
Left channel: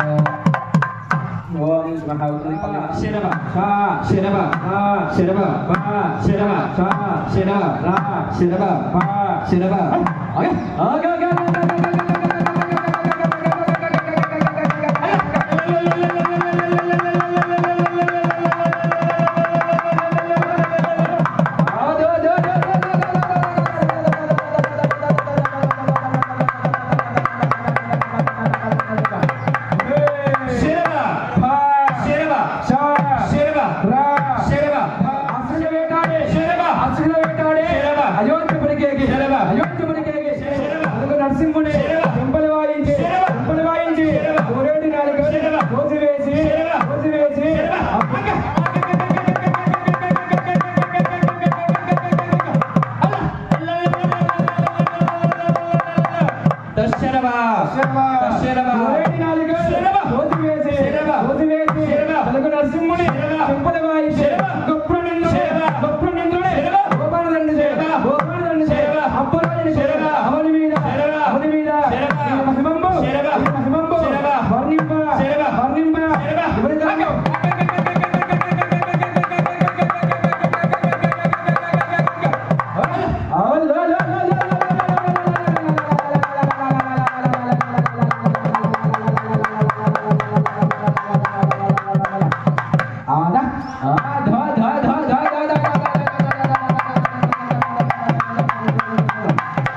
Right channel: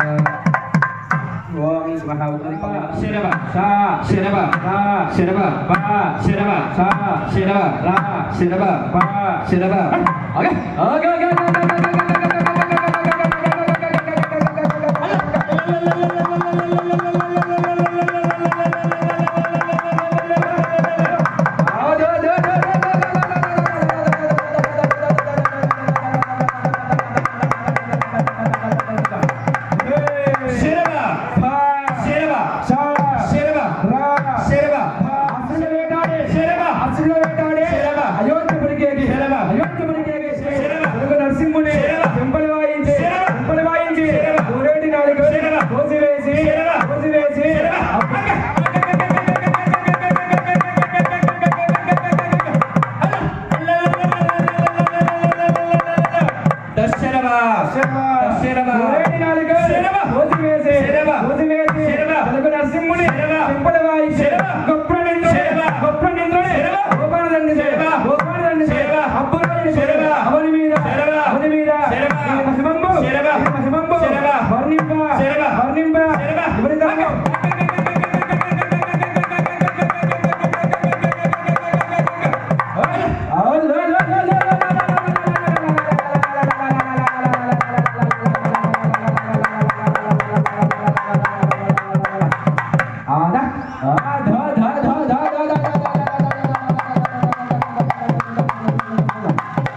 ఓం శ్రీ మహాదేవతాభ్యో శిరవ సా శిరవ రా శిరవ బా శిరవ సా శిరవ రా శిరవ బా శిరవ ఓకే ఓకే ఓకే నరసింహుని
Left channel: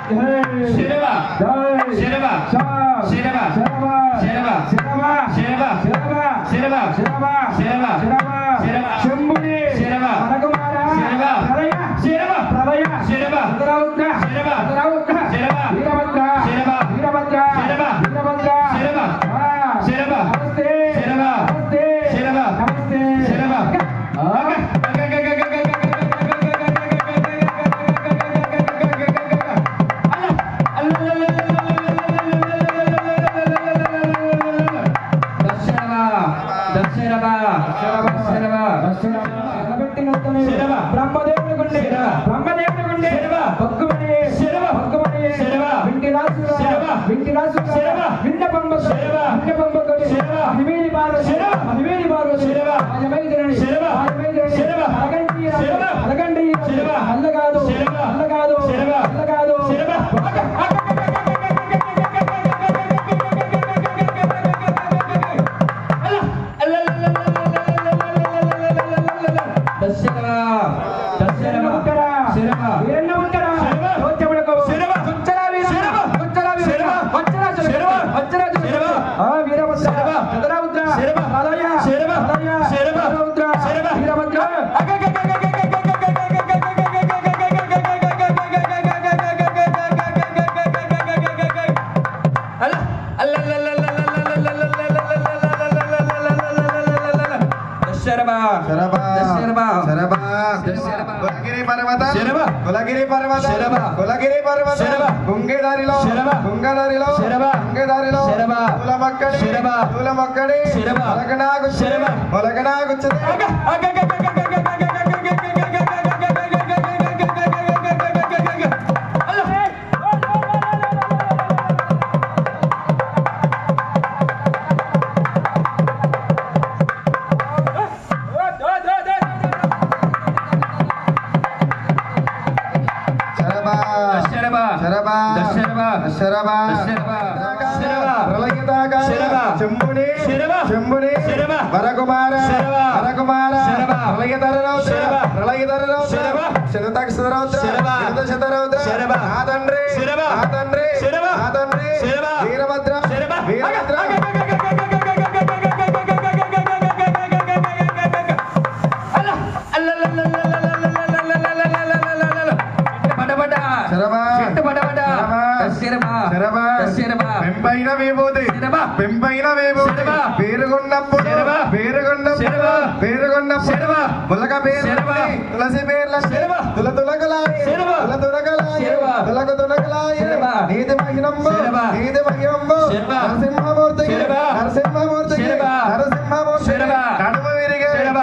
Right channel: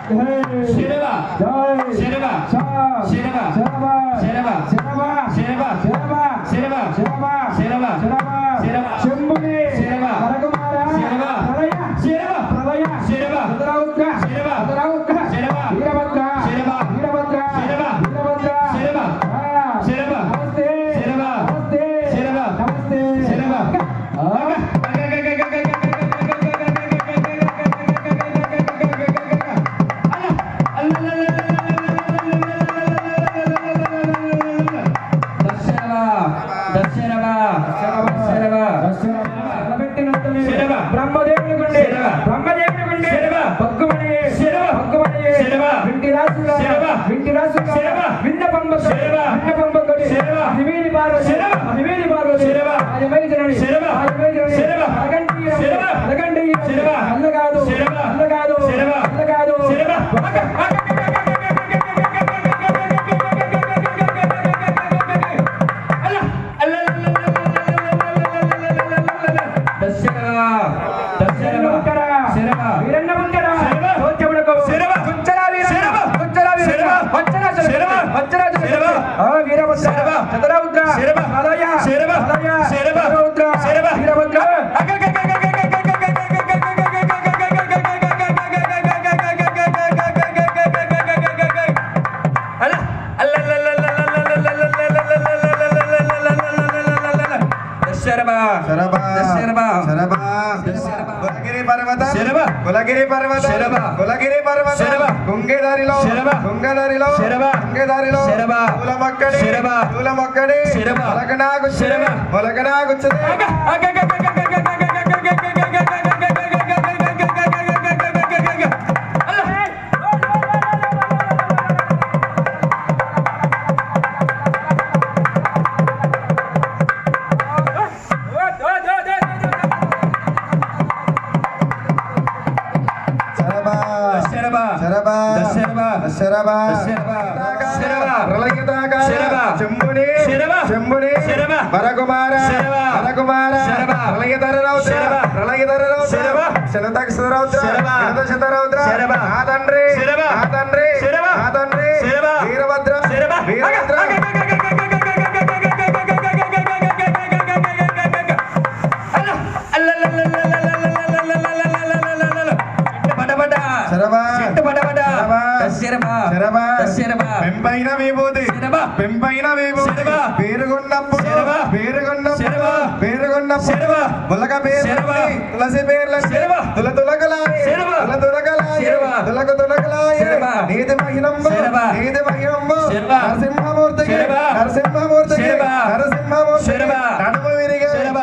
శరవ శరవ శరవ శరవ శరవ శరవ శరవ శంభుని శరవ రఘుమార శరవ శరవ ప్రళయ శరవ రుద్రౌద్ర శరవ రుద్రౌద్ర శరవ వీరభద్ర శరవ వీరభద్ర శరవ వీరభద్ర శరవ శరవ నమస్తే శరవ నమస్తే శరవ నమస్తే శరవ కులగిరి పర్వత కులగిరి పర్వత గుంగెదారిలో గుంగెదారిలో గుంగెదారిలో పూల మక్కడి మొలకనాగుచ్చే వీరభద్ర పెంపైన విభూతి పేరుగున్న ములక పేరు తులసి పేర్ల తులగలాయ నీతి మహిళమ్మ నరసింహమూర్తి నడుమ విరిగే శరభ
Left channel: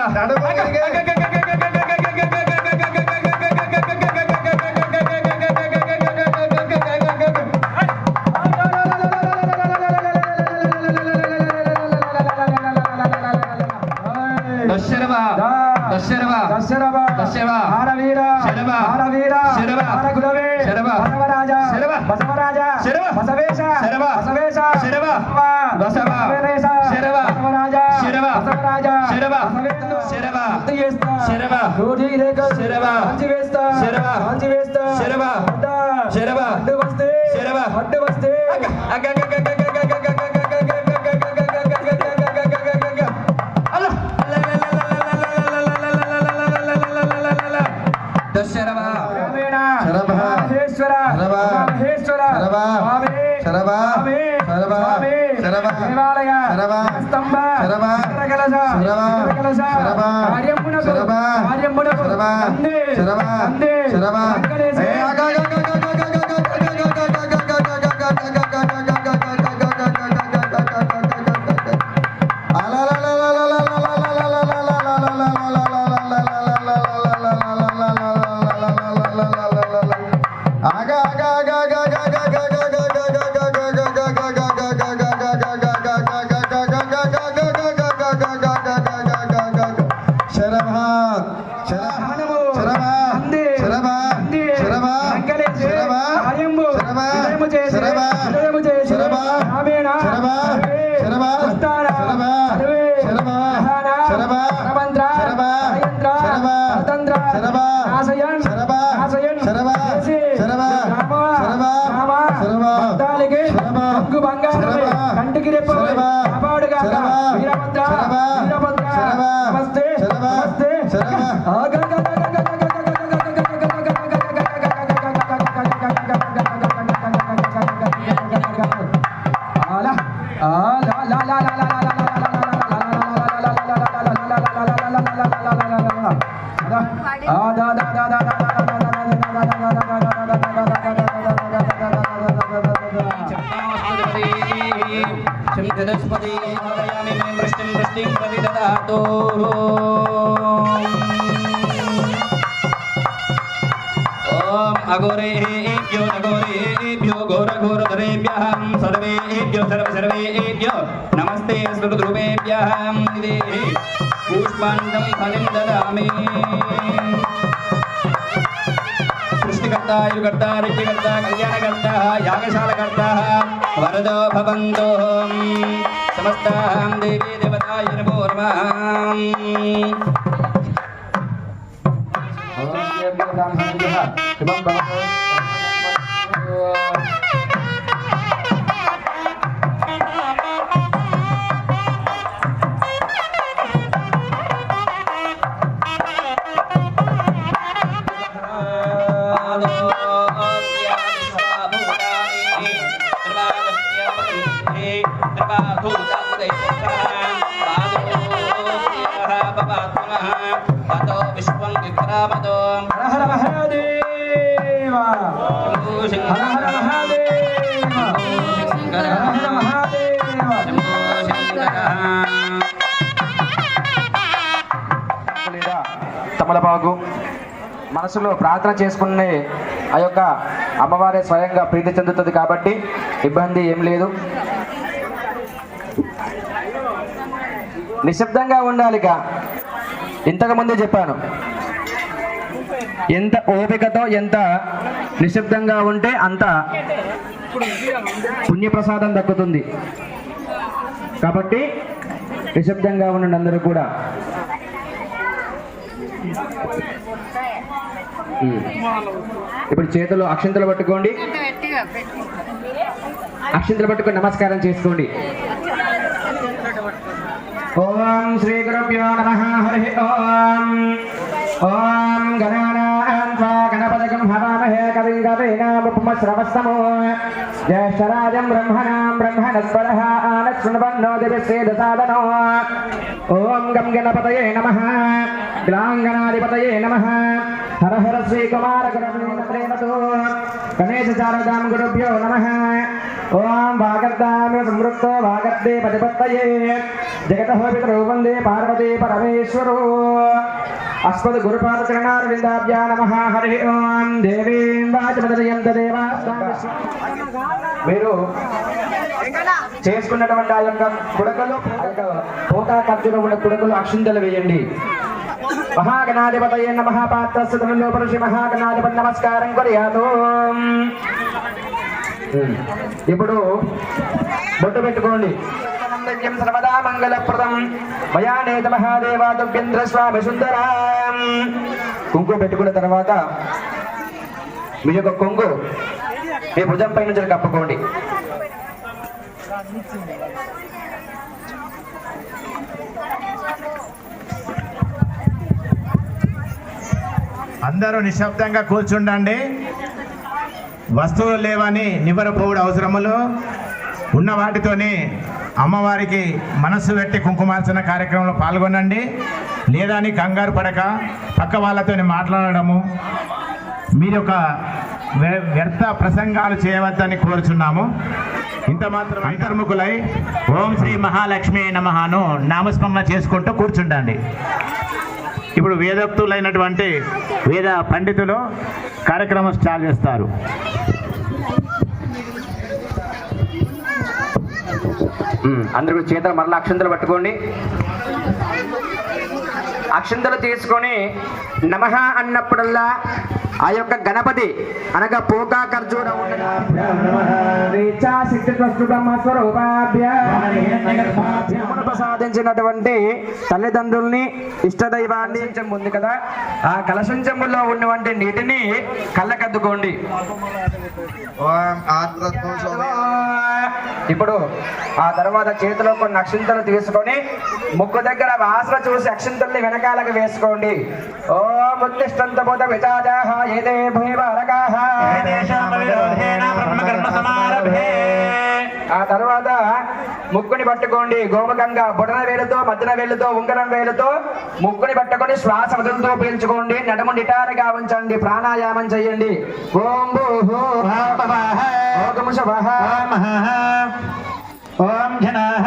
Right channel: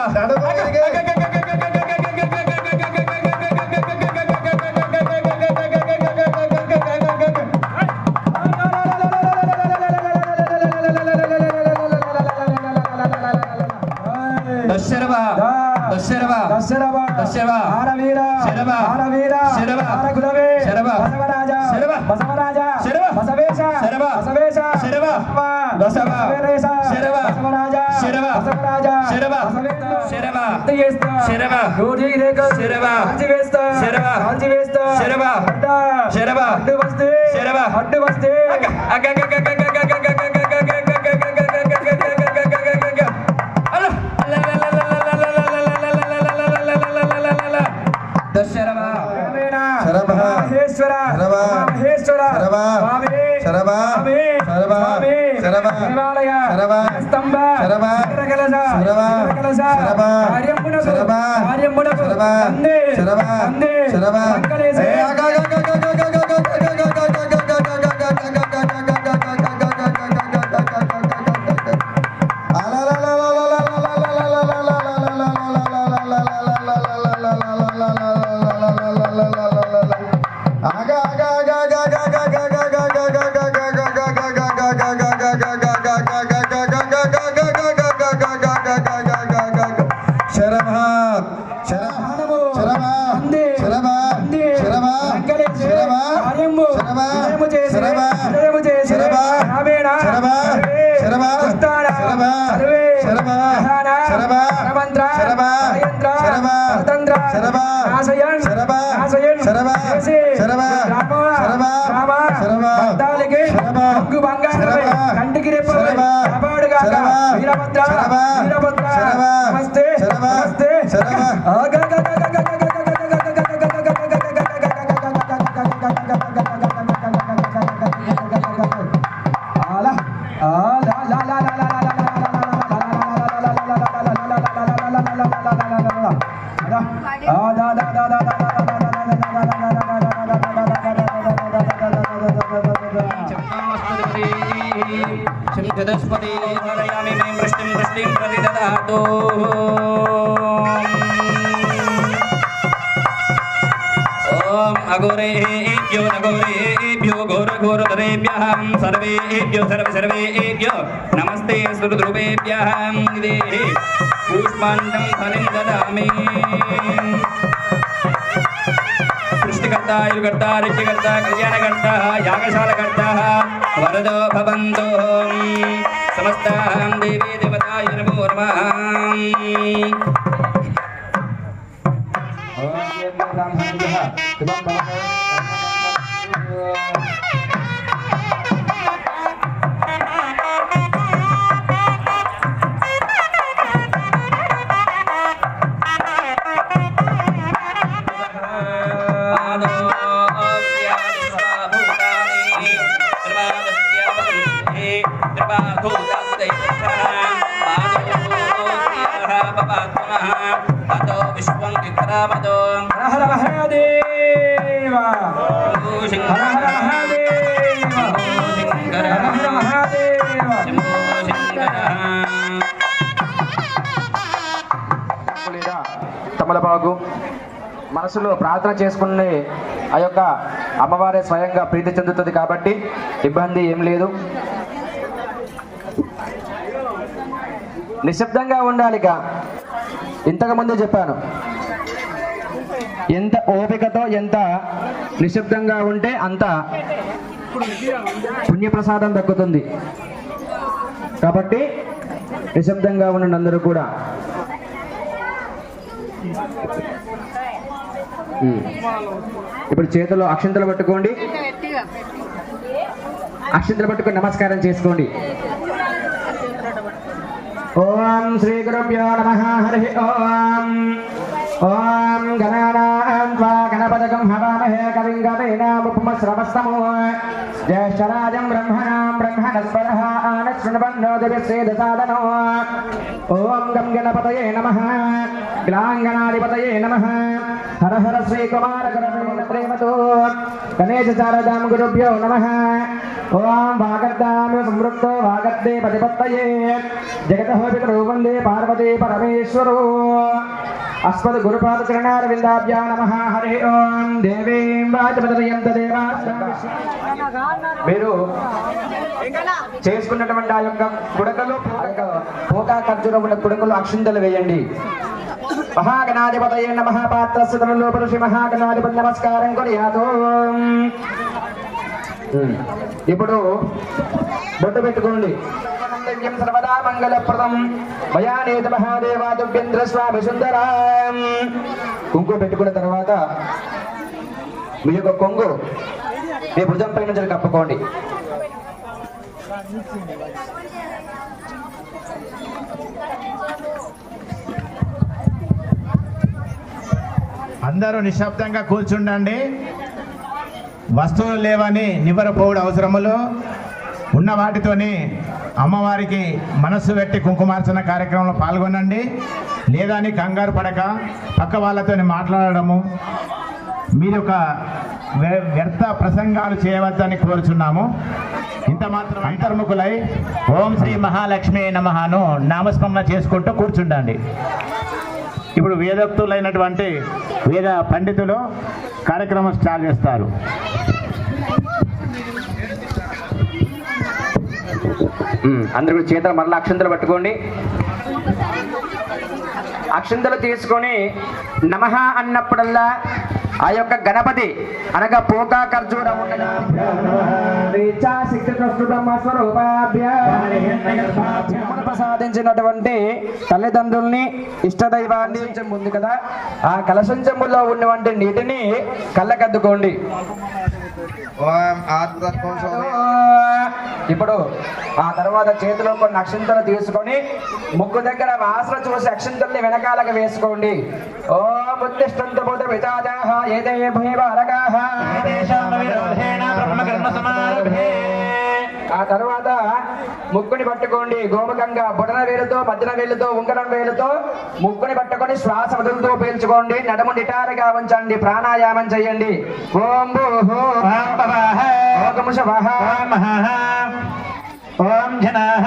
बृहस्पति हरयामि मे वृष्टिं प्रतिददातु ओम अघोरेभ्यो घोरघोरधरेभ्यः सर्वेभ्यो सर्वेभ्यो नमस्ते सुरद्रुवेभ्यः देहि पुष्पाण्डं फलं ददामि सृष्टिकर्ता युगकर्ता ऋषिकर्ता कल्याणकर्ता यागशालकर्ता वरदो भवन्तु समस्तां देवी देवताय नमो नमः తమలపాకు మనసులో ప్రార్థన చేసుకునే ఆ యొక్క అమ్మవారే స్వయంగా ప్రీతి చెందుతుంది కాబట్టి ఇబ్బంది ఏం లేదు. నిశ్శబ్దంగా ఉండాలిక. ఇంతకు ముందే చెప్పాను, ఎంత ఓపికతో ఎంత నిశ్శబ్దంగా ఉంటే అంత పుణ్యప్రసాదం దక్కుతుంది. కాబట్టి నిశ్శబ్దంగా ఉండండి అందరూ కూడా. ఇప్పుడు చేతిలో అక్షంతలు పట్టుకోండి. అక్షంతలు పట్టుకొని నమస్కారం చేసుకోండి. ఓం శ్రీ గురుభ్యో నమః. హరి ఓం. ఓం గణానాం త్వా గణపతిగం హవామహే కవిం కవీనాముపమశ్రవస్తమో జ్యేష్ఠరాజం బ్రహ్మణాం బ్రహ్మణస్పదః ఆనశృణ్వన్నో దివ్యసేదసాదనో. ఓం గం గణపతయే నమః. గ్లాంగణాధిపతయే నమః. హర హర శ్రీ కుమార గురవీణ ప్రేమతో గణేశ శారదాం గురుభ్యో నమః. ఓం వాగర్దామి సంవృక్తో వాగర్దే పతిపత్తయే జగతః పితరౌ వందే పార్వతీ పరమేశ్వరో. అస్మద్ గురుపాద చరణారవిందాభ్యా నమః. హరి ఓం. దేవీం వాచమదయంత దేవా. మీరు చేసుకున్నటువంటి ఆ యొక్క కుడకలో పోతా ఖర్చులో ఉన్న కుడకలో అక్షింతలు వేయండి. మహాగణాధిపతయే నమః. పాత్రస్య తమలో పురుషి మహాగణాధిపతి నమస్కారం కొరయాతో. ఇప్పుడు బొట్టు పెట్టుకోండి. సర్వదా మంగళప్రదం మయానేత మహాదేవా దుర్గేంద్ర స్వామి సుందరం. కుంకుమ పెట్టుకున్న తర్వాత మీ యొక్క కొంగు మీ భుజం పైన నుంచి కప్పుకోండి. అందరూ నిశ్శబ్దంగా కూర్చుండండి. వస్తువులు లేవని నివ్వరపోవుడు అవసరములు ఉన్న వాటితోని అమ్మవారికి మనస్సు పెట్టి కుంకుమార్చన కార్యక్రమంలో పాల్గొనండి. లేదా అని కంగారు పడక పక్క వాళ్ళతోని మాట్లాడడము, మీరు ఒక వ్యర్థ ప్రసంగాలు చేయవద్దని కోరుచున్నాము. ఇంత మాత్రం అంతర్ముఖులై ఓం శ్రీ మహాలక్ష్మి నమఃను నామస్మరణ చేసుకుంటూ కూర్చుండండి. ఇప్పుడు వేదోక్తులైనటువంటి వేద పండితులు కార్యక్రమం స్టార్ట్ చేస్తారు. అందరూ చేతులు మరలా అక్షంతలు పట్టుకోండి. అక్షంతలు తీసుకొని నమః అన్నప్పుడల్లా ఆ యొక్క గణపతి అనగా పోకా ఖర్జూర ప్రసాదించినటువంటి తల్లిదండ్రుల్ని ఇష్టదైవాన్ని ఉంది కదా, ఆ కలశం చెంబులో ఉన్నటువంటి నీటిని కళ్ళకద్దుకోండి. ఇప్పుడు ఆ తర్వాత చేతిలో కొన్ని అక్షంతలు తీసుకొని ముక్కు దగ్గర వాసన చూసి అక్షంతల్ని వెనకాలకు వేసుకోండి. ఓ ఉత్తిష్టంత బోధ విచాజాః ఏదే భూయవారకాః ఆ తర్వాత ముక్కుని పట్టుకోండి. గోముఖంగా బొటన వేలుతో మధ్యన వేలుతో ఉంగరం వేలుతో ముక్కుని పట్టుకొని శ్వాస వదులుతూ పీల్చుకోండి. నడుము నిటారుగా ఉంచండి. ప్రాణాయామం చేయండి. ఓం భూః ఓం శవః ఓం జనః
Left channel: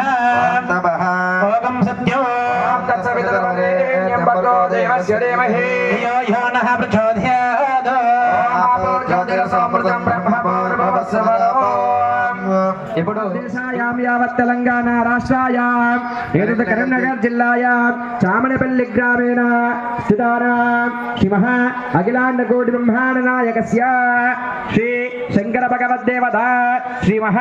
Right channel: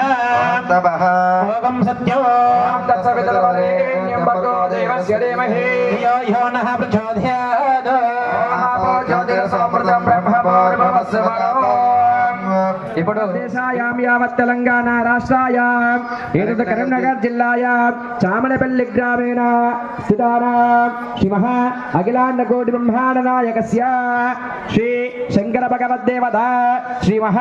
तपः ఓం సత్యో तत्सवितुर्वरेण्यं भर्गो देवस्य धीमहि ధియో యో నః ప్రచోదయాత్ జ్యోతిరసమృతం బ్రహ్మభార్గవస్య ఇప్పుడు దేశాయాం యావత్ తెలంగాణ రాష్ట్రాయాం ఏదైతే కరీంనగర్ జిల్లాయాం చామనపల్లి గ్రామేణ స్థితానాం శ్రీమః అఖిలాండ కోటి బ్రహ్మాండ నాయకస్య శ్రీ శంకర భగవద్దేవత శ్రీమః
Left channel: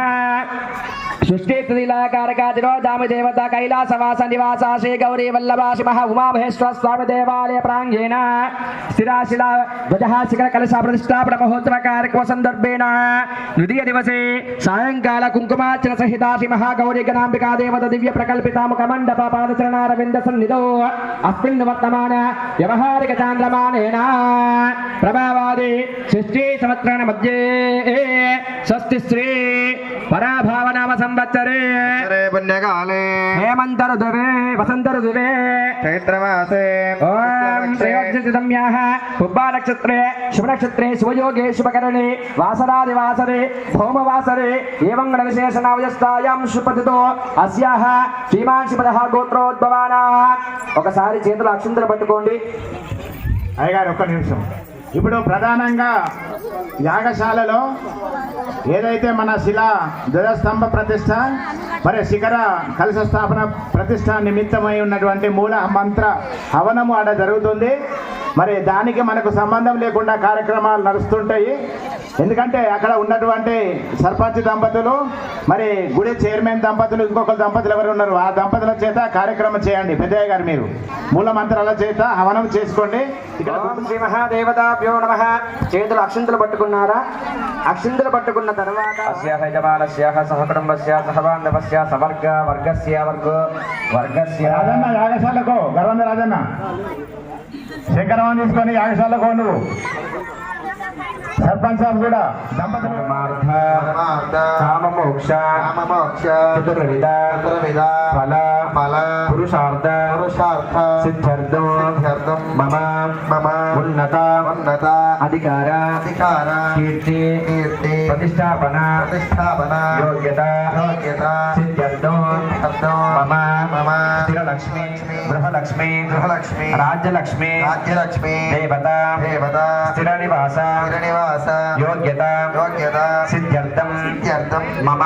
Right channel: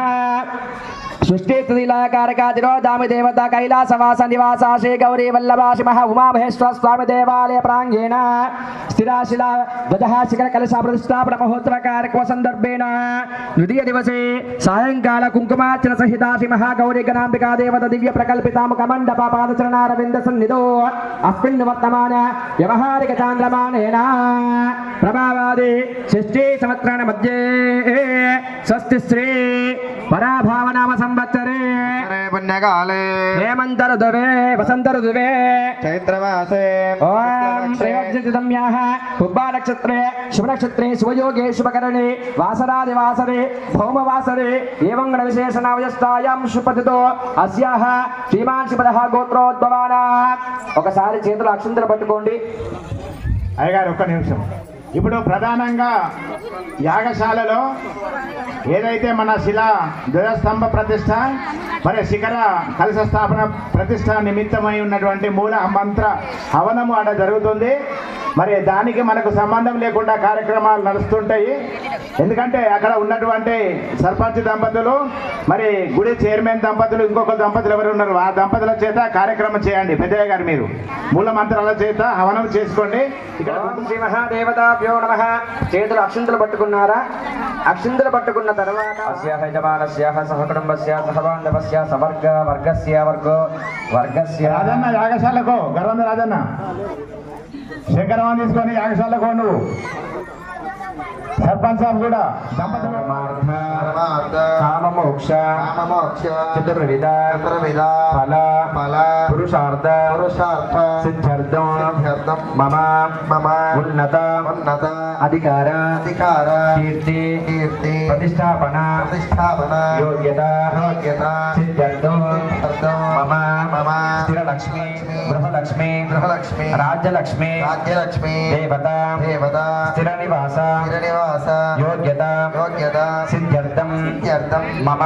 సృష్టిలీలాకారకాదిరో దామి దేవత కైలాసవాస నివాస శ్రీ గౌరీ వల్లభ శ్రీమః ఉమామహేశ్వర స్వామి దేవాలయ ప్రాంగేణ స్థిరాశిల ధ్వజహాశిఖర కలశ ప్రతిష్టాపన మహోత్సవ కార్యక్రమ సందర్భేణ ద్వితీయ దివసే సాయంకాల కుంకుమార్చన సహిత శ్రీ మహాగౌరీ గణాంబికా దేవత దివ్య ప్రకల్పితాముఖ మండప పాదచరణారవింద సన్నిధో అస్మిన్ వర్తమాన వ్యవహారిక చాంద్రమానేన ప్రభావాది షష్ఠీ సంవత్సరాణ మధ్యే స్వస్తి శ్రీ పరాభావనామ సంవత్సరే पुण्यकाले हेमंत ऋतुवे वसंत ऋतुवे चैत्रमासे ओम श्रेयोक्षितम्याः पुब्बा नक्षत्रे शुभ नक्षत्रे शुभयोगे शुभकरणे वासरादिवासरे भौमवासरे एवं गणविशेषणावयस्तायां शुभतितो अस्याः శ్రీమాన్ శివదః గోత్రోద్భవాన ఒకసారి చేతులు అక్షంతలు పట్టుకోండి. అయ్యగారు ఒక్క నిమిషం. ఇప్పుడు ప్రధానంగా యాగశాలలో ఏదైతే మన శిలా ధ్వజస్తంభ ప్రతిష్ట మరి శిఖర కలశ స్థాపన ప్రతిష్ట నిమిత్తమై ఉన్నటువంటి మూల మంత్ర హవనము ఆడ జరుగుతుంది. మరి దానికి మనకు సంబంధం లేకుండా కార్యక్రమాలు నడుస్తుంటాయి. ఎందుకంటే అక్కడ ఉన్నటువంటి సర్పంచ్ దంపతులు మరి గుడి చైర్మన్ దంపతులు ఇంకొక దంపతులు ఎవరు ఉన్నారు ఆ దంపతుల చేత కార్యక్రమం చేయండి. పెద్దయ్య గారు మీరు మూల మంత్రాల చేత హవనం చేసుకోండి. ఇక్కడ ఓం శ్రీ మహాదేవతాభ్యో నమః. చేతులు అక్షంతలు పట్టుకున్నారా? అక్షంతలు పట్టుకున్న తర్వాత అస్యాహ యజమానస్యాహ సహకుటుంబస్య సహబాంధవస్య సవర్గ వర్గస్య వర్గస్య రాజన్న యాగశాలకు గర్వంద రాజన్న శేఖరవాన్ని తీసుకొని యాగశాలకు నువ్వు సర్పంచ్ సాబ్ కూడా కామమోక్ష చతుర్విధ ఫల పురుషార్థ సిద్ధ్యర్థం మమ ఉన్నత అధికార కీర్తి ప్రతిష్టాపన యోగ్యత సిద్ధ్యర్థం మమ స్థిరలక్ష్మి గృహలక్ష్మి రాజ్యలక్ష్మి దేవత స్థిర నివాస యోగ్యత సిద్ధ్యర్థం మమ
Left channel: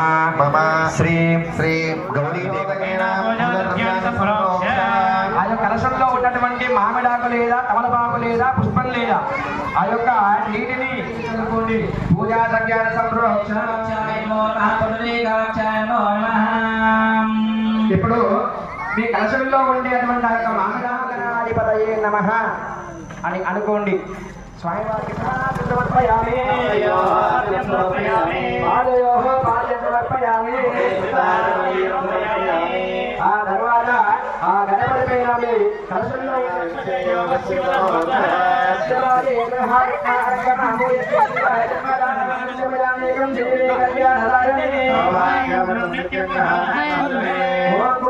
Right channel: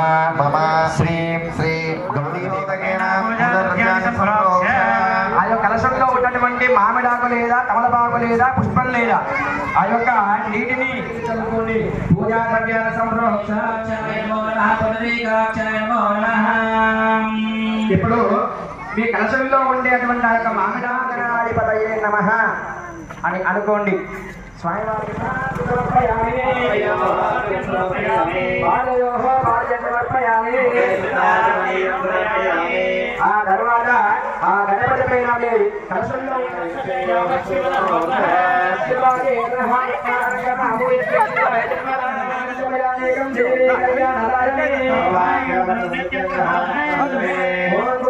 శ్రీ ఆ యొక్క కలశంలో ఉన్నటువంటి మామిడాకు లేదా తమలపాకు లేదా పుష్పం లేదా ఆ యొక్క నీటిని చదువుకోండి. పూజా ద్రవ్యాల ఇప్పుడు మీ కలశంలో ఉండేటువంటి ఆ యొక్క మామిడాకనాధిపతయే నమః అని అనుకోండి. స్వామివారికి ఆ తర్వాత ఆ గణపతి పైన కలశంలో ఓం